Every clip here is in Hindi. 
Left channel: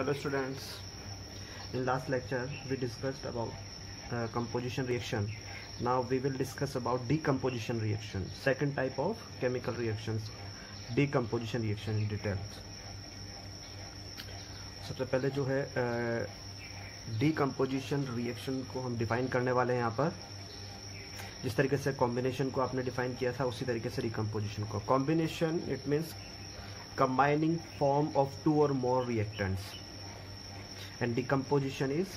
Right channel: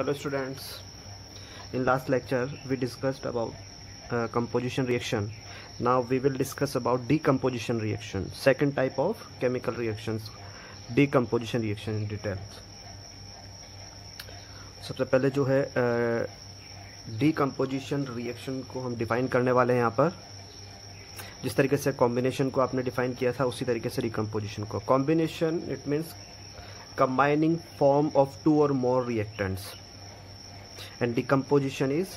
Hello students, in last lecture we discussed about composition reaction. Now we will discuss about decomposition reaction, second type of chemical reactions, decomposition reaction in details. सबसे पहले जो है decomposition reaction को हम डिफाइन करने वाले हैं यहाँ पर। जिस तरीके से कॉम्बिनेशन को आपने डिफाइन किया था उसी तरीके से डिकम्पोजिशन को। Combination it means combining form of two or more reactants, and decomposition is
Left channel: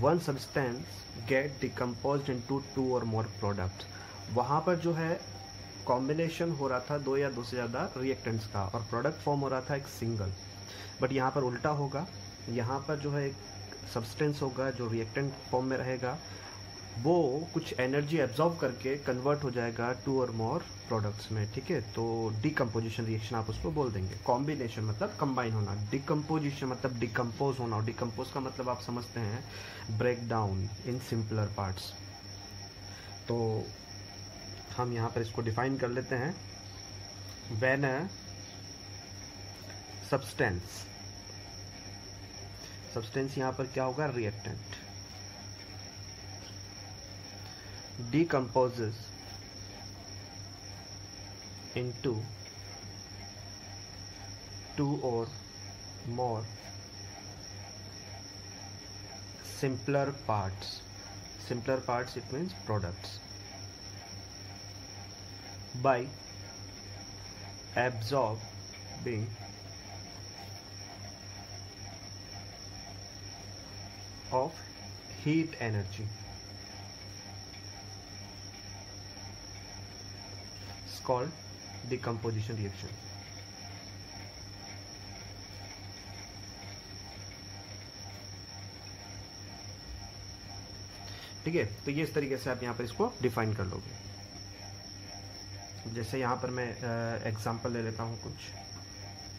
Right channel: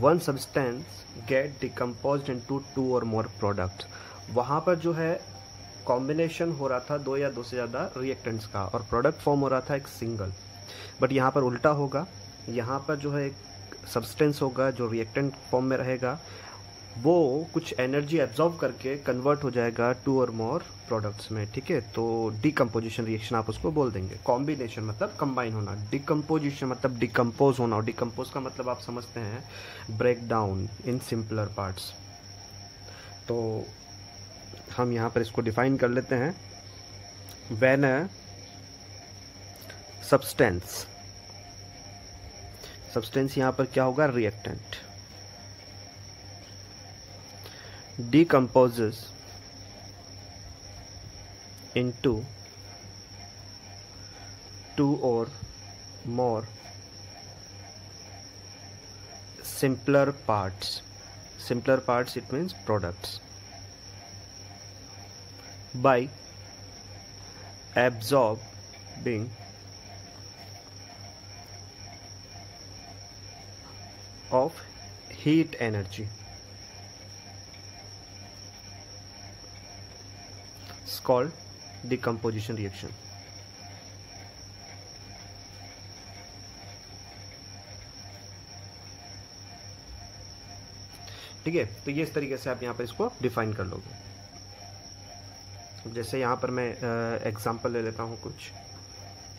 one substance get decomposed into two or more products. वहाँ पर जो है कॉम्बिनेशन हो रहा था दो या दो से ज़्यादा रिएक्टेंट्स का और प्रोडक्ट फॉर्म हो रहा था एक सिंगल, बट यहाँ पर उल्टा होगा। यहाँ पर जो है एक सब्सटेंस होगा जो रिएक्टेंट फॉर्म में रहेगा, वो कुछ एनर्जी एब्जॉर्ब करके कन्वर्ट हो जाएगा टू और मोर प्रोडक्ट्स में, ठीक है। तो डिकम्पोजिशन रिएक्शन आप उसको बोल देंगे। कॉम्बिनेशन मतलब कंबाइन होना, डिकम्पोजिशन मतलब डिकम्पोज होना, और डिकम्पोज का मतलब आप समझते हैं break down in simpler parts. तो हम यहाँ पर इसको डिफाइन कर लेते हैं। व्हेन अ सब्सटेंस यहाँ पर क्या होगा, reactant, decomposes into two or more simpler parts. Simpler parts it means products, by absorbing of heat energy. It's called decomposition reaction. ठीक है, तो ये इस तरीके से आप यहाँ पर इसको डिफाइन कर लोगे। जैसे यहाँ पर मैं एग्जांपल ले लेता हूँ कुछ।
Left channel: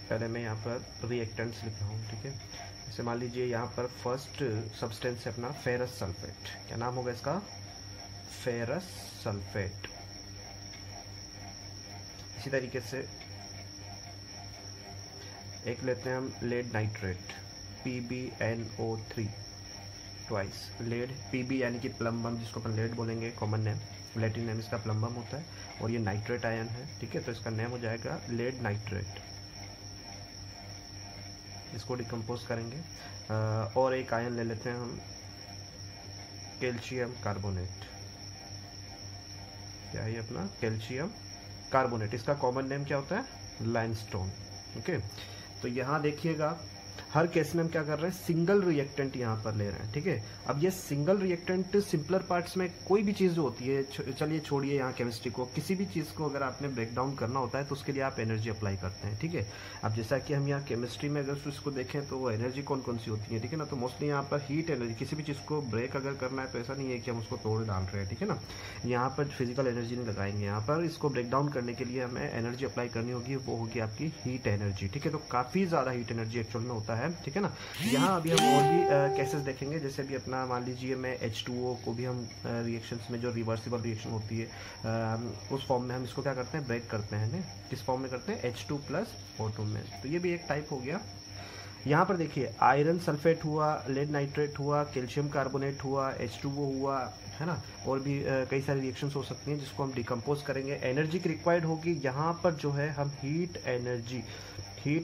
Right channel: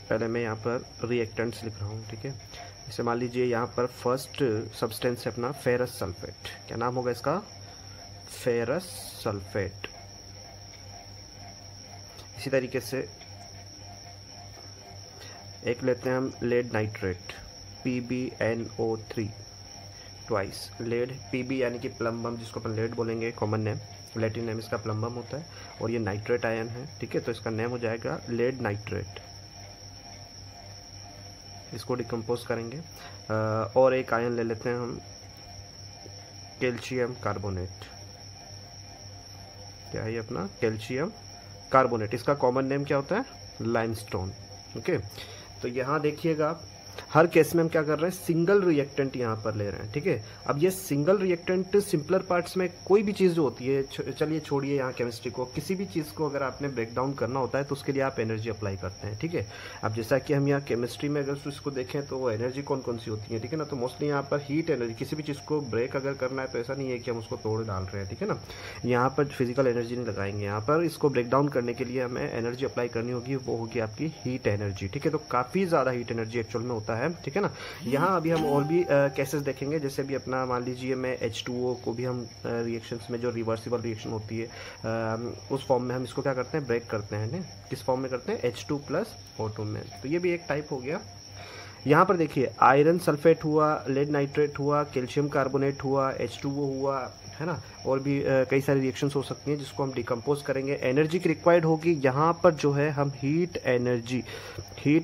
पहले मैं यहाँ पर रिएक्टेंट्स लिख रहा हूँ, ठीक है। जैसे मान लीजिए यहाँ पर फर्स्ट सब्सटेंस है अपना फेरस सल्फेट। क्या नाम होगा इसका, फेरस सल्फेट। इसी तरीके से एक लेते हैं हम lead nitrate, PbNO3 twice. Lead Pb यानी कि प्लम्बम, जिसको अपन लेड बोलेंगे, कॉमन नेम, लैटिन नेम इसका प्लम्बम होता है, और ये नाइट्रेट आयन है, ठीक है। तो इसका नेम हो जाएगा लेड नाइट्रेट। इसको डिकम्पोज करेंगे। और एक आयन ले लेते हैं हम कैल्शियम कार्बोनेट। क्या है ये अपना, कैल्शियम कार्बोनेट। इसका कॉमन नेम क्या होता है, लाइमस्टोन, ओके। तो यहाँ देखिएगा हर केस में हम क्या कर रहे हैं, सिंगल रिएक्टेंट यहाँ पर ले रहे हैं, ठीक है। अब ये सिंगल रिएक्टेंट सिंपलर पार्ट्स में कोई भी चीज़ जो होती है, चलिए छोड़िए यहाँ केमिस्ट्री को, किसी भी चीज़ को अगर आपने ब्रेक डाउन करना होता है तो उसके लिए आप एनर्जी अप्लाई करते हैं, ठीक है। अब जैसा कि हम यहाँ केमिस्ट्री में अगर उसको देखें तो वो एनर्जी कौन कौन सी होती है, ठीक है ना। तो मोस्टली यहाँ पर हीट एनर्जी, किसी भी चीज़ को ब्रेक अगर करना है तो ऐसा नहीं है कि हम उसको तोड़ डाल रहे हैं, ठीक है ना। यहाँ पर फिजिकल एनर्जी नहीं लगाएंगे, यहाँ पर इसको ब्रेक डाउन करने के लिए हमें एनर्जी अप्लाई करनी होगी, वो होगी आपकी हीट एनर्जी, ठीक है। तो काफ़ी ज़्यादा हीट एनर्जी एक्चुअल में होता है, ठीक है ना। यहाँ अभी हम और भी केसेस देखेंगे। जैसे भी अपना मान लीजिए मैं H2O को भी हम रिएक्शंस में, जो रिवर्सिबल रिएक्शन होती है उस फॉर्म में हम इसको क्या करते हैं, ब्रेक करते हैं ना। किस फॉर्म में करते हैं, H2+O2 में। तो ये भी एक टाइप हो गया। यहाँ पर देखिए आयरन सल्फेट हुआ, लेड नाइट्रेट हुआ, कैल्शियम कार्बोनेट हुआ, H2O हुआ, है ना। और भी कई सारी रिएक्शंस हो सकती हैं जिसको हम डिकम्पोज करेंगे। एनर्जी की रिक्वायर्ड होगी, यहाँ पर जो है हम हीट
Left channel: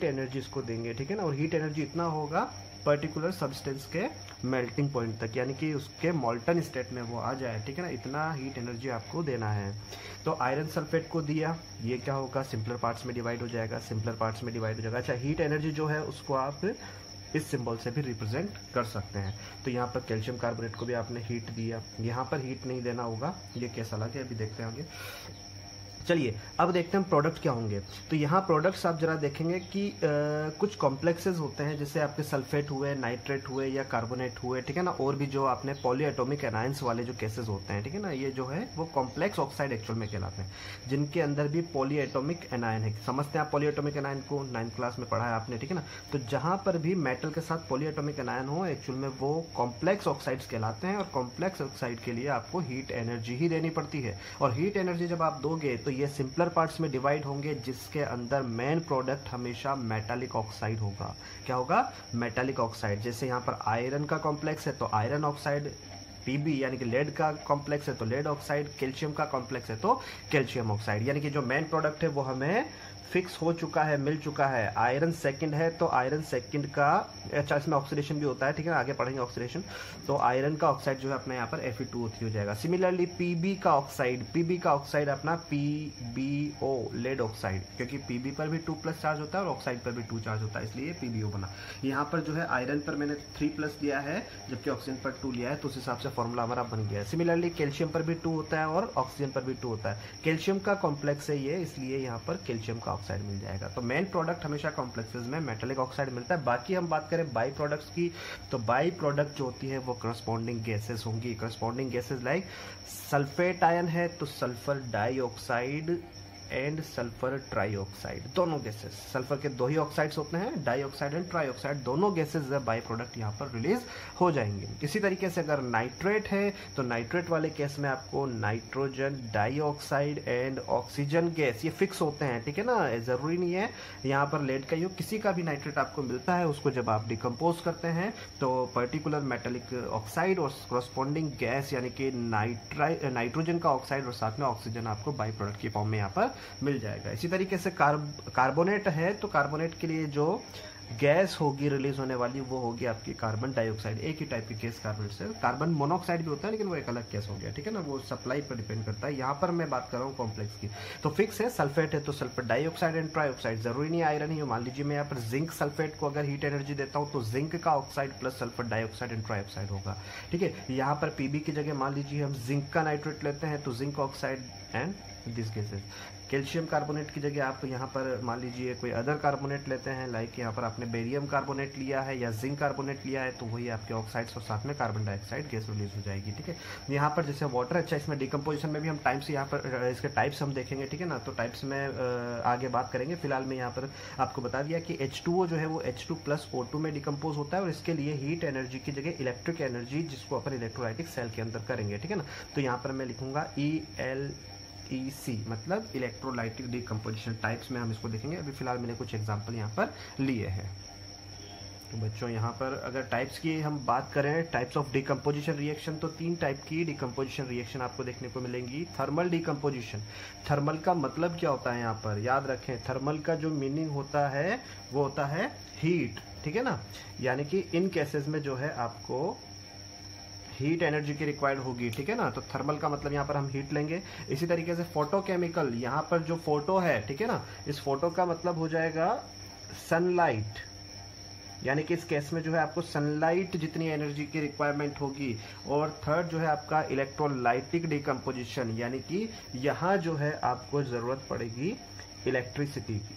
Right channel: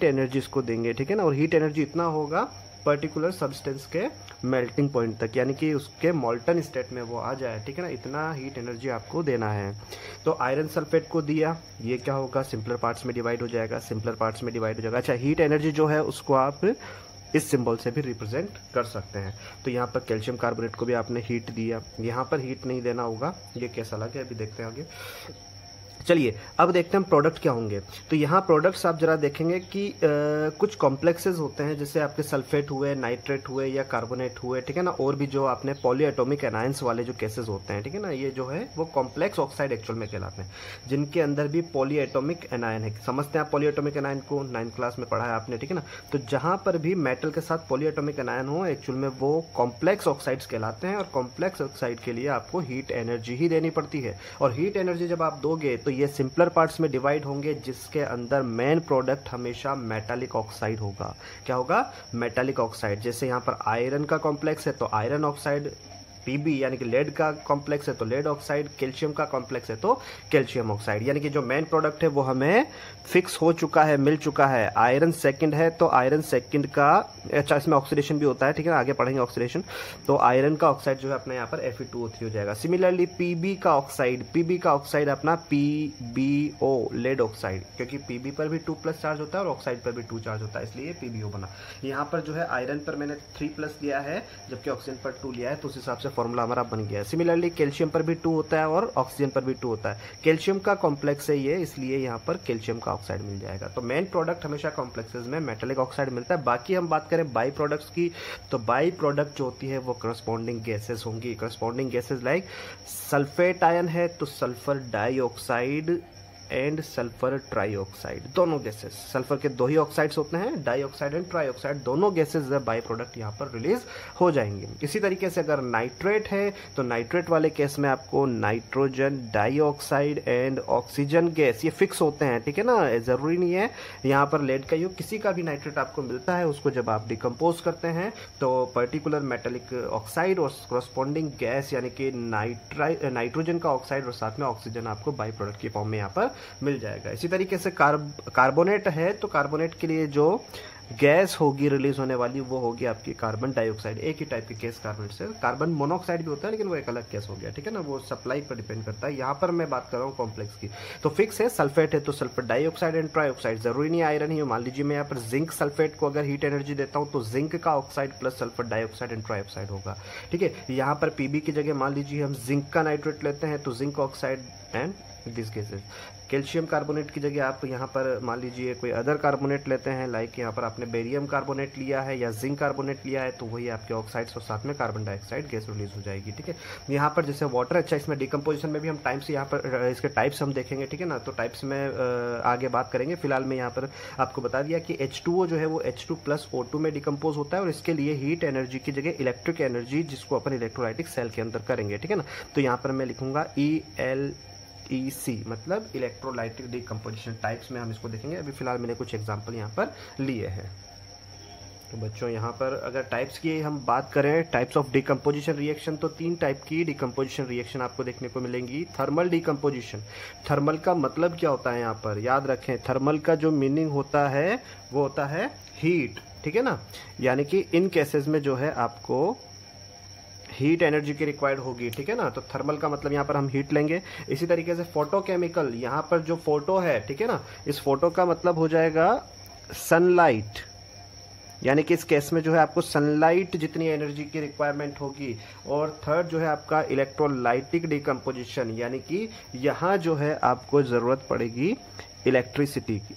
एनर्जी इसको देंगे, ठीक है ना। और हीट एनर्जी इतना होगा पर्टिकुलर सब्सटेंस के मेल्टिंग पॉइंट तक, यानी कि उसके मॉल्टन स्टेट में वो आ जाए, ठीक है ना। इतना हीट एनर्जी आपको देना है। तो आयरन सल्फेट को दिया, ये क्या होगा, सिंपलर पार्ट्स में डिवाइड हो जाएगा, अच्छा हीट एनर्जी जो है उसको आप इस सिंबल से भी रिप्रेजेंट कर सकते हैं। तो यहाँ पर कैल्शियम कार्बोनेट को भी आपने हीट दिया, यहाँ पर हीट नहीं देना होगा, ये कैसा लगे अभी देखते हैं आगे। चलिए अब देखते हैं प्रोडक्ट क्या होंगे। तो यहाँ प्रोडक्ट्स आप जरा देखेंगे कि कुछ कॉम्प्लेक्सेस होते हैं, जैसे आपके सल्फेट हुए, नाइट्रेट हुए या कार्बोनेट हुए, ठीक है ना। और भी जो आपने पॉलीएटॉमिक एनायंस वाले जो केसेस होते हैं, ठीक है ना, ये जो है वो कॉम्प्लेक्स ऑक्साइड एक्चुअल में कहलाते हैं, जिनके अंदर भी पॉलीएटॉमिक एनायन है। समझते हैं आप पॉलीएटॉमिक एनायन को, 9th क्लास में पढ़ा है आपने, ठीक है ना। तो जहां पर भी मेटल के साथ पॉलीएटॉमिक एनायन हो, एक्चुअल में वो कॉम्प्लेक्स ऑक्साइड्स कहलाते हैं। और कॉम्प्लेक्स ऑक्साइड के लिए आपको हीट एनर्जी ही देनी पड़ती है। और हीट एनर्जी जब आप दोगे तो ये सिंपलर पार्ट्स में डिवाइड होंगे, जिसके अंदर मेन प्रोडक्ट हमेशा मेटालिक ऑक्साइड होगा। क्या होगा? Metallic oxide. जैसे यहाँ पर आयरन का कॉम्प्लेक्स है तो आयरन ऑक्साइड, Pb यानी कि लेड का कॉम्प्लेक्स है तो लेड ऑक्साइड, कैल्शियम का कॉम्प्लेक्स है तो कैल्शियम ऑक्साइड। यानी कि जो मेन प्रोडक्ट है वो हमें फिक्स हो चुका है, मिल चुका है। आयरन सेकंड है तो आयरन सेकंड का, अच्छा इसमें ऑक्सीडेशन भी होता है, ठीक है ना, आगे पढ़ेंगे ऑक्सीडेशन। तो आयरन का ऑक्साइड जो है अपना यहाँ पर Fe2O3 हो जाएगा। सिमिलरली Pb का ऑक्साइड अपना PbO, लेड ऑक्साइड, क्योंकि Pb पर भी 2+ चार्ज होता है और ऑक्साइड पर भी 2 चार्ज होता है, इसलिए PbO बना। यहाँ पर जो है आयरन पर मैंने 3+ लिया है जबकि ऑक्सीजन पर 2 लिया है, तो उस हिसाब से फॉर्मूला हमारा बन गया है। सिमिलरली कैल्शियम पर भी 2 होता है और ऑक्सीजन पर भी 2 होता है। कैल्शियम का कॉम्प्लेक्स है ये, इसलिए यहाँ पर कैल्शियम का ऑक्साइड मिल जाएगा। तो मेन प्रोडक्ट हमेशा कॉम्प्लेक्सेस में मेटालिक ऑक्साइड मिलता है। बाकी हम बात करें बाई प्रोडक्ट्स की, तो बाई प्रोडक्ट जो होती है वो करस्पॉन्डिंग गैसेस होंगी। Corresponding gases like sulphate ion है तो sulphur dioxide and sulphur trioxide, दोनों गैसेस। सल्फर के 2 ही ऑक्साइड्स होते हैं, डाइऑक्साइड एंड ट्राइऑक्साइड, दोनों गैसेस बाई प्रोडक्ट यहाँ पर रिलीज हो जाएंगे। इसी तरीके से अगर नाइट्रेट है तो नाइट्रेट वाले केस में आपको nitrogen dioxide and oxygen gas, ये फिक्स होते हैं, ठीक है ना, जरूरी नहीं है यहाँ पर लेड का यूज, किसी का भी नाइट्रेट आपको मिलता है उसको जब आप डिकम्पोज करते हैं तो पर्टिकुलर मेटालिक ऑक्साइड और करस्पॉन्डिंग गैस यानी कि नाइट्रोजन का ऑक्साइड और साथ में ऑक्सीजन आपको बाई प्रोडक्ट की फॉर्म में यहाँ पर मिल जाएगा। इसी तरीके से कार्बोनेट है तो कार्बोनेट के लिए जो गैस होगी रिलीज होने वाली वो होगी आपकी कार्बन डाइऑक्साइड। एक ही टाइप की गैस कार्बन से, कार्बन मोनोऑक्साइड भी होता है लेकिन वो एक अलग गैस हो गया, ठीक है ना, वो सप्लाई पर डिपेंड करता है। यहाँ पर मैं बात कर रहा हूँ कॉम्प्लेक्स की। तो फिक्स है, सल्फेट है तो सल्फर डाइऑक्साइड एंड ट्राइऑक्साइड, जरूरी नहीं आयरन ही हो। मान लीजिए मैं यहाँ पर जिंक सल्फेट को अगर हीट एनर्जी देता हूँ तो जिंक का oxide plus sulphur dioxide and trioxide होगा, ठीक है। यहाँ पर पीबी की जगह मान लीजिए हम जिंक का नाइट्रेट लेते हैं तो zinc oxide and this gases. Calcium carbonate की जगह आप यहाँ पर मान लीजिए कोई अदर कार्बोनेट लेते हैं, लाइक यहाँ पर आपने बेरियम कार्बोनेट लिया है या जिंक कार्बोनेट लिया है, तो वही आपके ऑक्साइड्स और साथ में कार्बन डाइऑक्साइड गैस रिलीज हो जाएगी, ठीक है। यहाँ पर जैसे वाटर, अच्छा इसमें डिकम्पोजिशन में भी हम टाइप्स, यहाँ पर इसके टाइप्स हम देखेंगे, ठीक है ना, तो टाइप्स में आगे बात करेंगे। फिलहाल मैं यहाँ पर आपको बता दिया कि H2O जो है वो H2+O2 में डिकम्पोज होता है और इसके लिए हीट एनर्जी की जगह इलेक्ट्रिक एनर्जी, जिसको अपन इलेक्ट्रोलाइटिक सेल के अंदर करेंगे, ठीक है ना। तो यहाँ पर मैं लिखूंगा ELEC, मतलब इलेक्ट्रोलाइटिक डिकम्पोजिशन। टाइप्स में हम इसको देखेंगे, अभी फिलहाल मैंने कुछ एग्जांपल यहाँ पर लिए हैं। तो बच्चों यहाँ पर अगर टाइप्स की हम बात करें, टाइप्स ऑफ डिकम्पोजिशन रिएक्शन, तो 3 टाइप की डिकम्पोजिशन रिएक्शन आपको देखने को मिलेंगी। थर्मल डिकम्पोजिशन, थर्मल का मतलब क्या होता है यहाँ पर याद रखें, थर्मल का जो मीनिंग होता है वो होता है हीट, ठीक है ना। यानी कि इन केसेस में जो है आपको हीट एनर्जी की रिक्वायर्ड होगी, ठीक है ना। तो थर्मल का मतलब यहाँ पर हम हीट लेंगे। इसी तरीके से फोटोकेमिकल, यहाँ पर जो फोटो है, ठीक है ना, इस फोटो का मतलब हो जाएगा सनलाइट, यानी कि इस केस में जो है आपको सनलाइट जितनी एनर्जी की रिक्वायरमेंट होगी। और थर्ड जो है आपका इलेक्ट्रोलाइटिक डिकम्पोजिशन, यानी कि यहाँ जो है आपको जरूरत पड़ेगी इलेक्ट्रिसिटी की,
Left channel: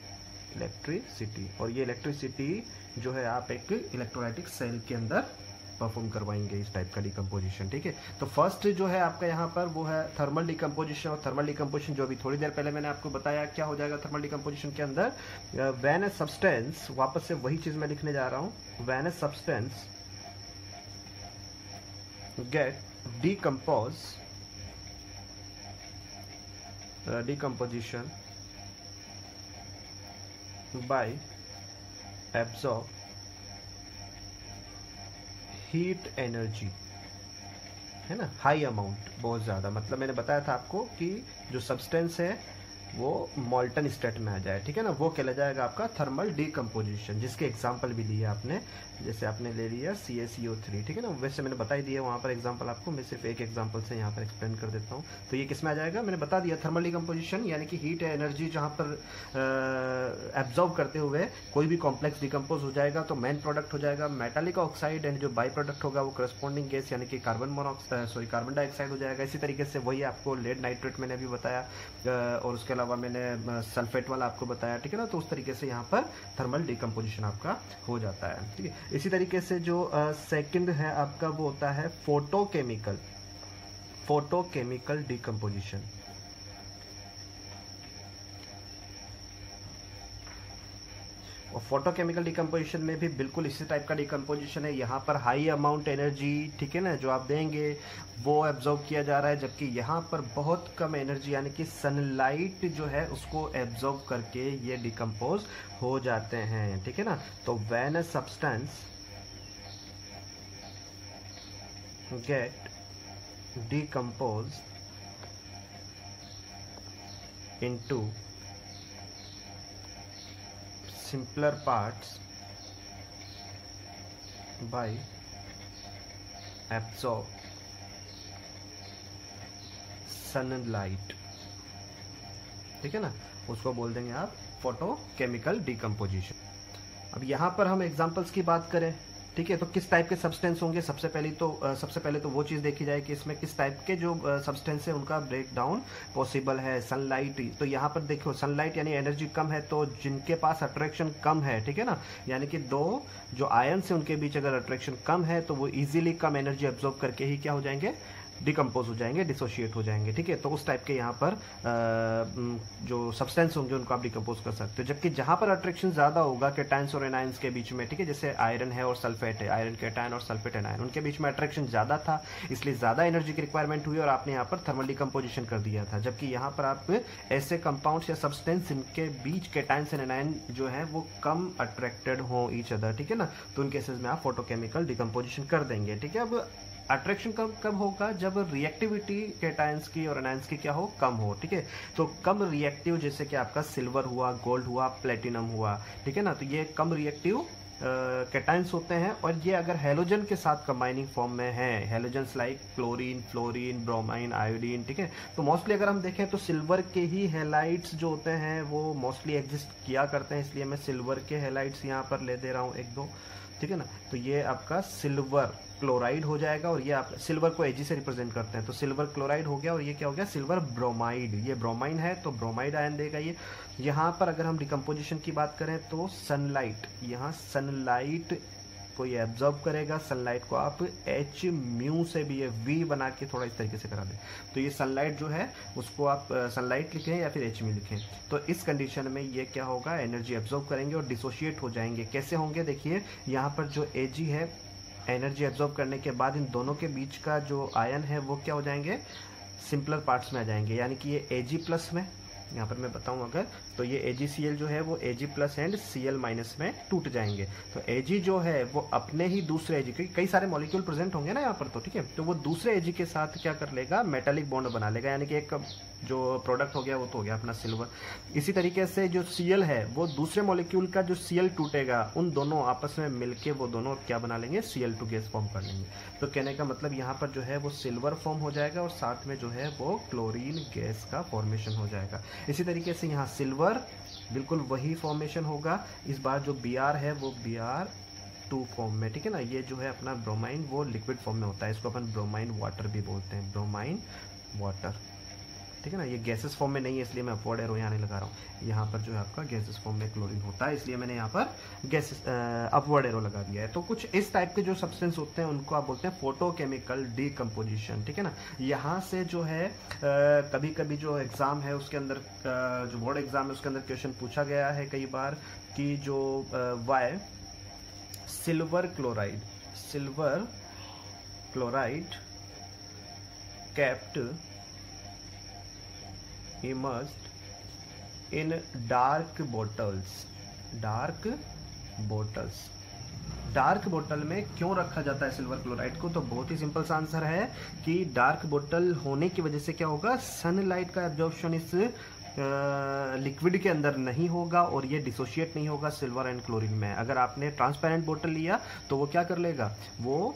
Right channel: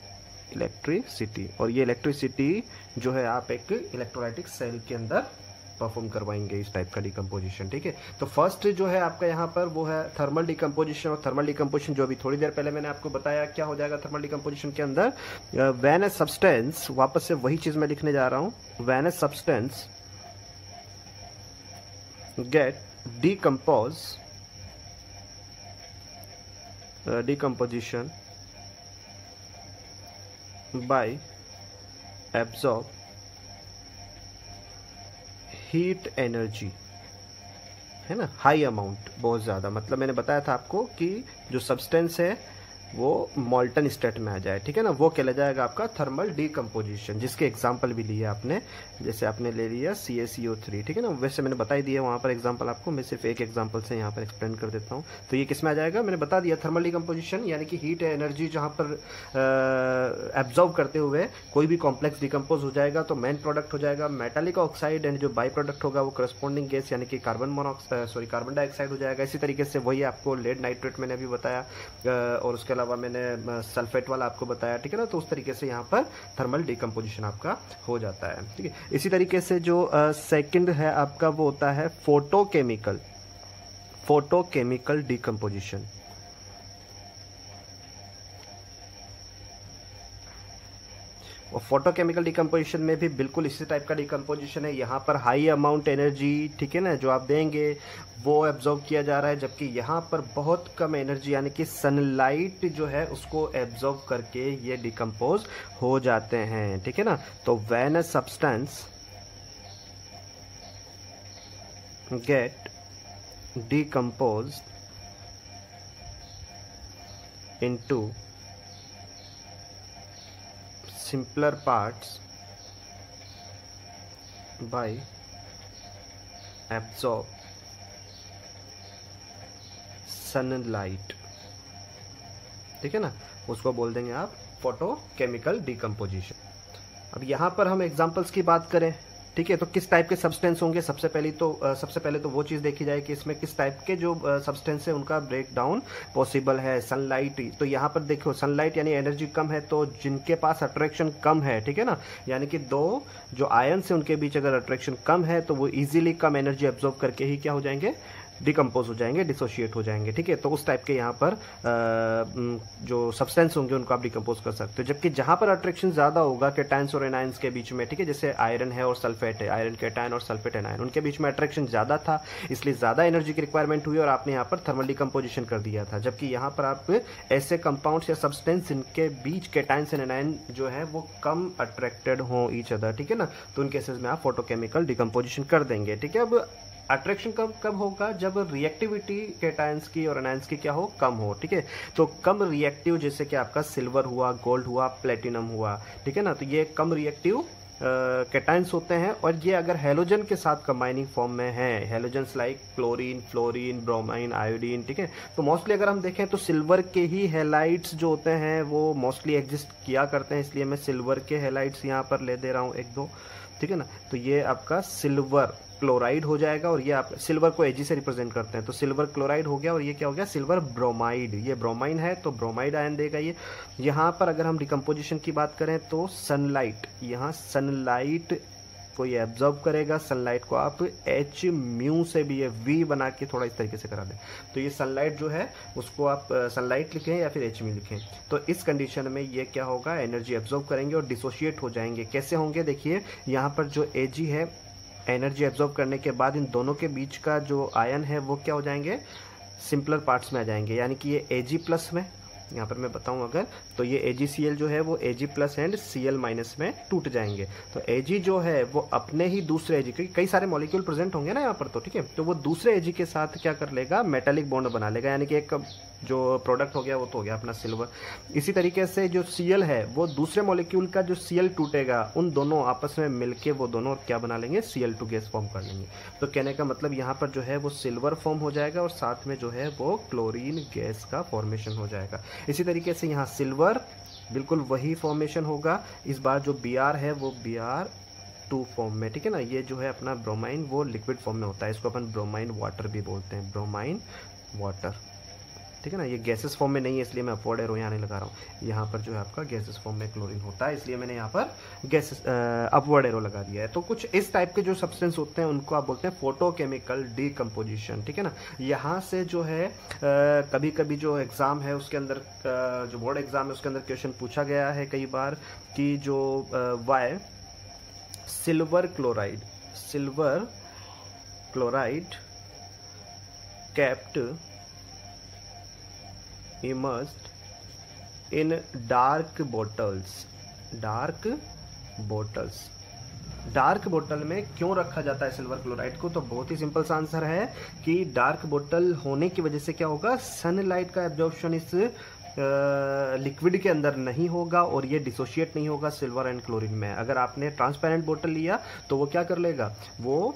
इलेक्ट्रिसिटी, और ये इलेक्ट्रिसिटी जो है आप एक इलेक्ट्रोलाइटिक सेल के अंदर परफॉर्म करवाएंगे इस टाइप का डिकम्पोजिशन, ठीक है। तो फर्स्ट जो है आपका यहाँ पर वो है थर्मल डिकम्पोजिशन। और थर्मल डिकम्पोजिशन जो अभी थोड़ी देर पहले मैंने आपको बताया क्या हो जाएगा थर्मल डिकम्पोजिशन के अंदर, व्हेन ए सब्सटेंस, वापस से वही चीज मैं लिखने जा रहा हूं, when a substance get decomposition by absorb heat energy, है ना, हाई अमाउंट, बहुत ज्यादा। मतलब मैंने बताया था आपको कि जो सब्सटेंस है वो मॉल्टन स्टेट में आ जाए, ठीक है ना, वो कहला जाएगा आपका थर्मल डिकम्पोजिशन, जिसके एग्जांपल भी लिए आपने, जैसे आपने ले लिया CaCO3, ठीक है ना। वैसे मैंने बता ही दिया वहां पर एग्जांपल आपको, मैं सिर्फ एक एग्जांपल से यहाँ पर एक्सप्लेन कर देता हूँ। तो ये किस में आ जाएगा, मैंने बता दिया, थर्मल डिकम्पोजिशन, यानी कि हीट एनर्जी जहां पर एब्जॉर्ब करते हुए कोई भी कॉम्प्लेक्स डिकम्पोज हो जाएगा तो मेन प्रोडक्ट हो जाएगा मेटालिक ऑक्साइड, एंड जो बाई प्रोडक्ट होगा वो करस्पॉन्डिंग गैस यानी कि कार्बन डाइऑक्साइड हो जाएगा। इसी तरीके से वही आपको लेड नाइट्रेट मैंने अभी बताया, और उसके अलावा मैंने सल्फेट वाला आपको बताया, ठीक है ना। तो उस तरीके से यहाँ पर थर्मल डिकम्पोजिशन आपका हो जाता है, ठीक है। इसी तरीके से जो सेकंड है आपका वो होता है फोटोकेमिकल डिकम्पोजिशन। और फोटोकेमिकल डिकम्पोजिशन में भी बिल्कुल इसी टाइप का डिकम्पोजिशन है। यहाँ पर हाई अमाउंट एनर्जी, ठीक है ना, जो आप देंगे वो एब्जॉर्ब किया जा रहा है, जबकि यहाँ पर बहुत कम एनर्जी यानी कि सनलाइट जो है उसको एब्जॉर्ब करके ये डिकम्पोज हो जाते हैं, ठीक है ना। तो when a substance get decomposed into simpler parts by absorb sunlight, ठीक है ना, उसको बोल देंगे आप फोटोकेमिकल डिकम्पोजिशन। अब यहाँ पर हम एग्जांपल्स की बात करें, ठीक है, तो किस टाइप के सब्सटेंस होंगे, सबसे पहले तो वो चीज देखी जाए कि इसमें किस टाइप के जो सब्सटेंस है उनका ब्रेक डाउन पॉसिबल है। सनलाइट, तो यहाँ पर देखो सनलाइट यानी एनर्जी कम है, तो जिनके पास अट्रैक्शन कम है, ठीक है ना, यानी कि दो जो आयन्स है उनके बीच अगर अट्रैक्शन कम है तो वो इजीली कम एनर्जी एब्जॉर्ब करके ही क्या हो जाएंगे, डिकम्पोज हो जाएंगे, डिसोशिएट हो जाएंगे, ठीक है। तो उस टाइप के यहाँ पर जो सब्सटेंस होंगे उनको आप डिकम्पोज कर सकते हो। जबकि जहां पर अट्रैक्शन ज्यादा होगा कैटायंस और एनायंस के बीच में, ठीक है, जैसे आयरन है और सल्फेट है, आयरन कैटायन और सल्फेट एनायन, उनके बीच में अट्रैक्शन ज्यादा था, इसलिए ज्यादा एनर्जी की रिक्वायरमेंट हुई और आपने यहाँ पर थर्मल डिकम्पोजिशन कर दिया था। जबकि यहाँ पर आप ऐसे कंपाउंड्स या सब्सटेंस जिनके बीच कैटायंस एंड एनायन जो है वो कम अट्रैक्टेड हो ईच अदर, ठीक है ना, तो उन केसेस में आप फोटोकेमिकल डिकम्पोजिशन कर देंगे, ठीक है। अब अट्रैक्शन कब होगा, जब रिएक्टिविटी कैटायंस की और एनायंस की क्या हो, कम हो, ठीक है। तो कम रिएक्टिव जैसे कि आपका सिल्वर हुआ, गोल्ड हुआ, प्लेटिनम हुआ, ठीक है ना, तो ये कम रिएक्टिव कैटायंस होते हैं और ये अगर हेलोजन के साथ कंबाइनिंग फॉर्म में है, halogens like chlorine, fluorine, bromine, iodine, ठीक है, तो मोस्टली अगर हम देखें तो सिल्वर के ही हेलाइट्स जो होते हैं वो मोस्टली एग्जिस्ट किया करते हैं, इसलिए मैं सिल्वर के हेलाइट्स यहाँ पर ले दे रहा हूँ एक दो, ठीक है ना। तो ये आपका सिल्वर क्लोराइड हो जाएगा और ये आप सिल्वर को Ag से रिप्रेजेंट करते हैं, तो सिल्वर क्लोराइड हो गया और ये क्या हो गया, सिल्वर ब्रोमाइड, ये ब्रोमाइन है तो ब्रोमाइड आयन देगा ये। यहाँ पर अगर हम डिकम्पोजिशन की बात करें तो सनलाइट, यहाँ सनलाइट को ये एब्जॉर्ब करेगा, सनलाइट को आप H म्यू से भी ये V बना के थोड़ा इस तरीके से करा दें, तो ये सनलाइट जो है उसको आप सनलाइट लिखें या फिर H म्यू लिखें, तो इस कंडीशन में ये क्या होगा, एनर्जी एब्जॉर्ब करेंगे और डिसोशिएट हो जाएंगे। कैसे होंगे, देखिए यहाँ पर जो Ag है एनर्जी एब्जॉर्ब करने के बाद इन दोनों के बीच का जो आयन है वो क्या हो जाएंगे, सिंपलर पार्ट्स में आ जाएंगे, यानी कि ये Ag प्लस में, यहाँ पर मैं बताऊं अगर, तो ये AgCl जो है वो Ag plus and Cl minus में टूट जाएंगे। तो Ag जो है वो अपने ही दूसरे Ag, क्योंकि कई सारे मॉलिक्यूल प्रेजेंट होंगे ना यहाँ पर, तो ठीक है, तो वो दूसरे Ag के साथ क्या कर लेगा, मेटालिक बॉन्ड बना लेगा, यानी कि एक जो प्रोडक्ट हो गया वो तो हो गया अपना सिल्वर। इसी तरीके से जो Cl है वो दूसरे मॉलिक्यूल का जो Cl टूटेगा उन दोनों आपस में मिलके वो दोनों क्या बना लेंगे, Cl2 गैस फॉर्म कर लेंगे। तो कहने का मतलब यहाँ पर जो है वो सिल्वर फॉर्म हो जाएगा और साथ में जो है वो क्लोरीन गैस का फॉर्मेशन हो जाएगा। इसी तरीके से यहाँ सिल्वर बिल्कुल वही फॉर्मेशन होगा, इस बार जो Br है वो Br2 फॉर्म में, ठीक है ना। ये जो है अपना ब्रोमाइन वो लिक्विड फॉर्म में होता है, इसको अपन ब्रोमाइन वाटर भी बोलते हैं, ब्रोमाइन वाटर, ठीक है ना। ये गैसेस फॉर्म में नहीं है इसलिए मैं अपवर्ड एरो यहाँ नहीं लगा रहा हूँ, यहाँ पर जो है आपका गैसेस फॉर्म में क्लोरीन होता है इसलिए मैंने यहाँ पर गैसेस अपवर्ड एरो लगा दिया है। तो कुछ इस टाइप के जो सब्सटेंस होते हैं उनको आप बोलते हैं फोटोकेमिकल डिकम्पोजिशन, ठीक है ना। यहाँ से जो है कभी कभी जो एग्जाम है उसके अंदर जो बोर्ड एग्जाम है उसके अंदर क्वेश्चन पूछा गया है कई बार कि जो वाई silver chloride kept immersed in dark बोतल में क्यों रखा जाता है सिल्वर क्लोराइड को, तो बहुत ही सिंपल सा आंसर है कि डार्क बोतल होने की वजह से क्या होगा, सनलाइट का एब्जॉर्प्शन इस लिक्विड के अंदर नहीं होगा और ये डिसोशिएट नहीं होगा सिल्वर एंड क्लोरीन में। अगर आपने ट्रांसपेरेंट बोतल लिया तो वो क्या कर लेगा, वो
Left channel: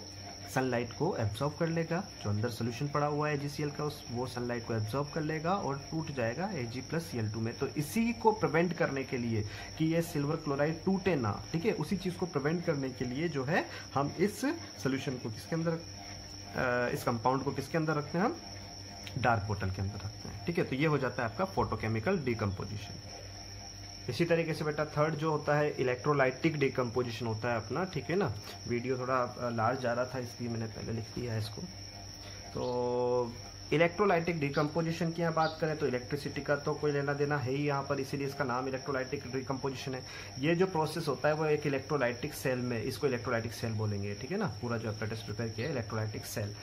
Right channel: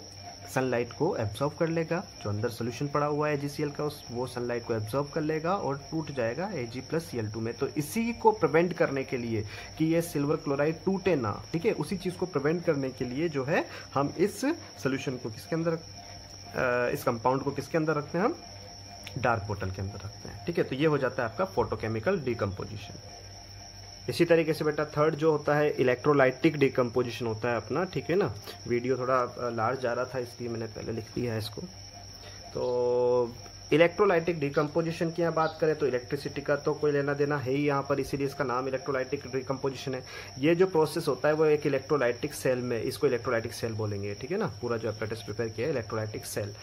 सनलाइट को एब्जॉर्ब कर लेगा, जो अंदर सोल्यूशन पड़ा हुआ है AgCl का वो सनलाइट को एब्जॉर्ब कर लेगा और टूट जाएगा Ag प्लस Cl2 में। तो इसी को प्रिवेंट करने के लिए कि ये सिल्वर क्लोराइड टूटे ना, ठीक है, उसी चीज को प्रिवेंट करने के लिए जो है हम इस सोल्यूशन को किसके अंदर, इस कंपाउंड को किसके अंदर रखते हैं, हम डार्क बोतल के अंदर रखते हैं, ठीक है। तो ये हो जाता है आपका फोटोकेमिकल डिकम्पोजिशन। इसी तरीके से बेटा थर्ड जो होता है इलेक्ट्रोलाइटिक डिकम्पोजिशन होता है अपना, ठीक है ना। वीडियो थोड़ा लार्ज जा रहा था इसलिए मैंने पहले लिख दिया है इसको। तो इलेक्ट्रोलाइटिक डिकम्पोजिशन की यहाँ बात करें तो इलेक्ट्रिसिटी का तो कोई लेना देना है ही यहाँ पर, इसीलिए इसका नाम इलेक्ट्रोलाइटिक डिकम्पोजिशन है। ये जो प्रोसेस होता है वो एक इलेक्ट्रोलाइटिक सेल में, इसको इलेक्ट्रोलाइटिक सेल बोलेंगे, ठीक है ना। पूरा जो एप्रेटिस प्रिपेयर किया है इलेक्ट्रोलाइटिक सेल।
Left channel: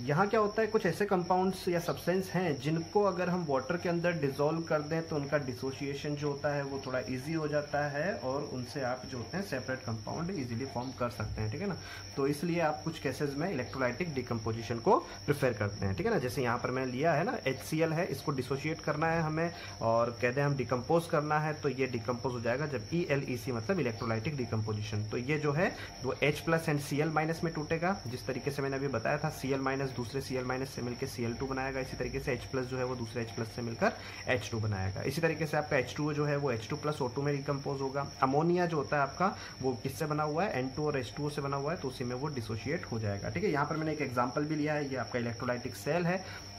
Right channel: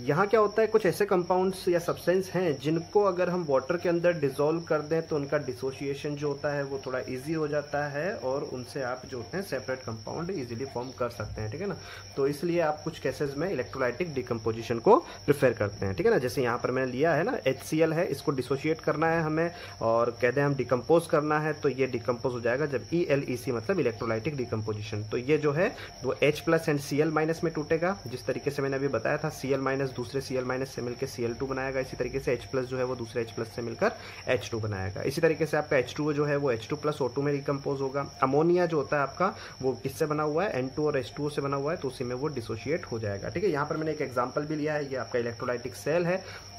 यहाँ क्या होता है, कुछ ऐसे कंपाउंड्स या सब्सटेंस हैं जिनको अगर हम वाटर के अंदर डिसॉल्व कर दें तो उनका डिसोसिएशन जो होता है वो थोड़ा इजी हो जाता है और उनसे आप जो होते हैं सेपरेट कंपाउंड इजीली फॉर्म कर सकते हैं, ठीक है ना। तो इसलिए आप कुछ केसेस में इलेक्ट्रोलाइटिक डिकम्पोजिशन को प्रेफर करते हैं, ठीक है ना। जैसे यहाँ पर मैंने लिया है ना HCl है, इसको डिसोशिएट करना है हमें और कहते हैं हम डिकम्पोज करना है, तो ये डिकम्पोज हो जाएगा जब ELEC मतलब इलेक्ट्रोलाइटिक डिकम्पोजिशन। तो ये जो है वो H+ एंड Cl- में टूटेगा, जिस तरीके से मैंने अभी बताया था। Cl- दूसरे Cl- से मिलकर Cl2 बनाएगा, इसी तरीके से H+ जो है वो दूसरे H+ से मिलकर H2 बनाएगा। इसी तरीके से आपका H2 जो है वो H2+ O2 में डिकम्पोज होगा। अमोनिया जो होता है आपका वो किससे बना हुआ है, N2 और H2O से बना हुआ है, तो उसी में वो डिसोशिएट हो जाएगा, ठीक है। यहाँ पर मैंने एक एग्जांपल भी लिया है, ये आपका इलेक्ट्रोलाइटिक सेल है।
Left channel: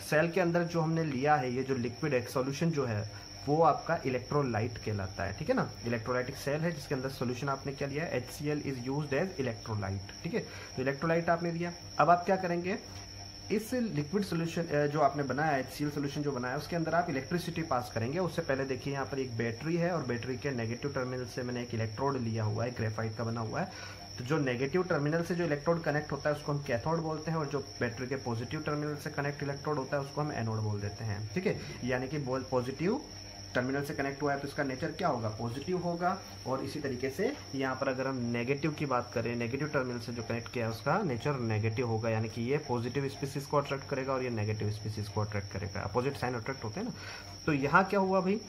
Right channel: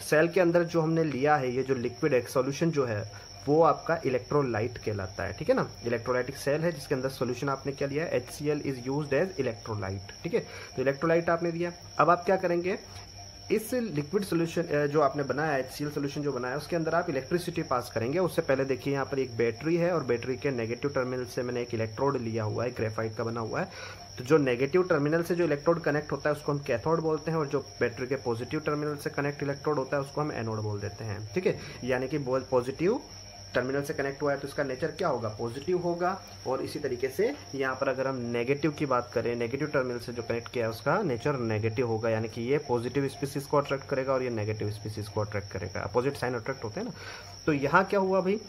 सेल के अंदर जो हमने लिया है ये जो लिक्विड एक सॉल्यूशन जो है वो आपका इलेक्ट्रोलाइट कहलाता है, ठीक है ना। इलेक्ट्रोलाइटिक सेल है जिसके अंदर सॉल्यूशन आपने क्या लिया है, HCl is used as electrolyte, ठीक है। तो इलेक्ट्रोलाइट आपने दिया। अब आप क्या करेंगे, इस लिक्विड सोल्यूशन जो आपने बनाया HCl सोल्यूशन जो बनाया उसके अंदर आप इलेक्ट्रिसिटी पास करेंगे। उससे पहले देखिए यहाँ पर एक बैटरी है और बैटरी के नेगेटिव टर्मिनल से मैंने एक इलेक्ट्रोड लिया हुआ है, ग्रेफाइट का बना हुआ है। तो जो नेगेटिव टर्मिनल से जो इलेक्ट्रोड कनेक्ट होता है उसको हम कैथोड बोलते हैं और जो बैटरी के पॉजिटिव टर्मिनल से कनेक्ट इलेक्ट्रोड होता है उसको हम एनोड बोल देते हैं, ठीक है। यानी कि पॉजिटिव टर्मिनल से कनेक्ट हुआ है तो इसका नेचर क्या होगा, पॉजिटिव होगा। और इसी तरीके से यहाँ पर अगर हम नेगेटिव की बात करें, नेगेटिव टर्मिनल से जो कनेक्ट किया है उसका नेचर नेगेटिव होगा, यानी कि ये पॉजिटिव स्पीसीज को अट्रैक्ट करेगा और ये नेगेटिव स्पीसीज को अट्रैक्ट करेगा। अपोजिट साइन अट्रैक्ट होते हैं ना। तो यहाँ क्या हुआ भाई,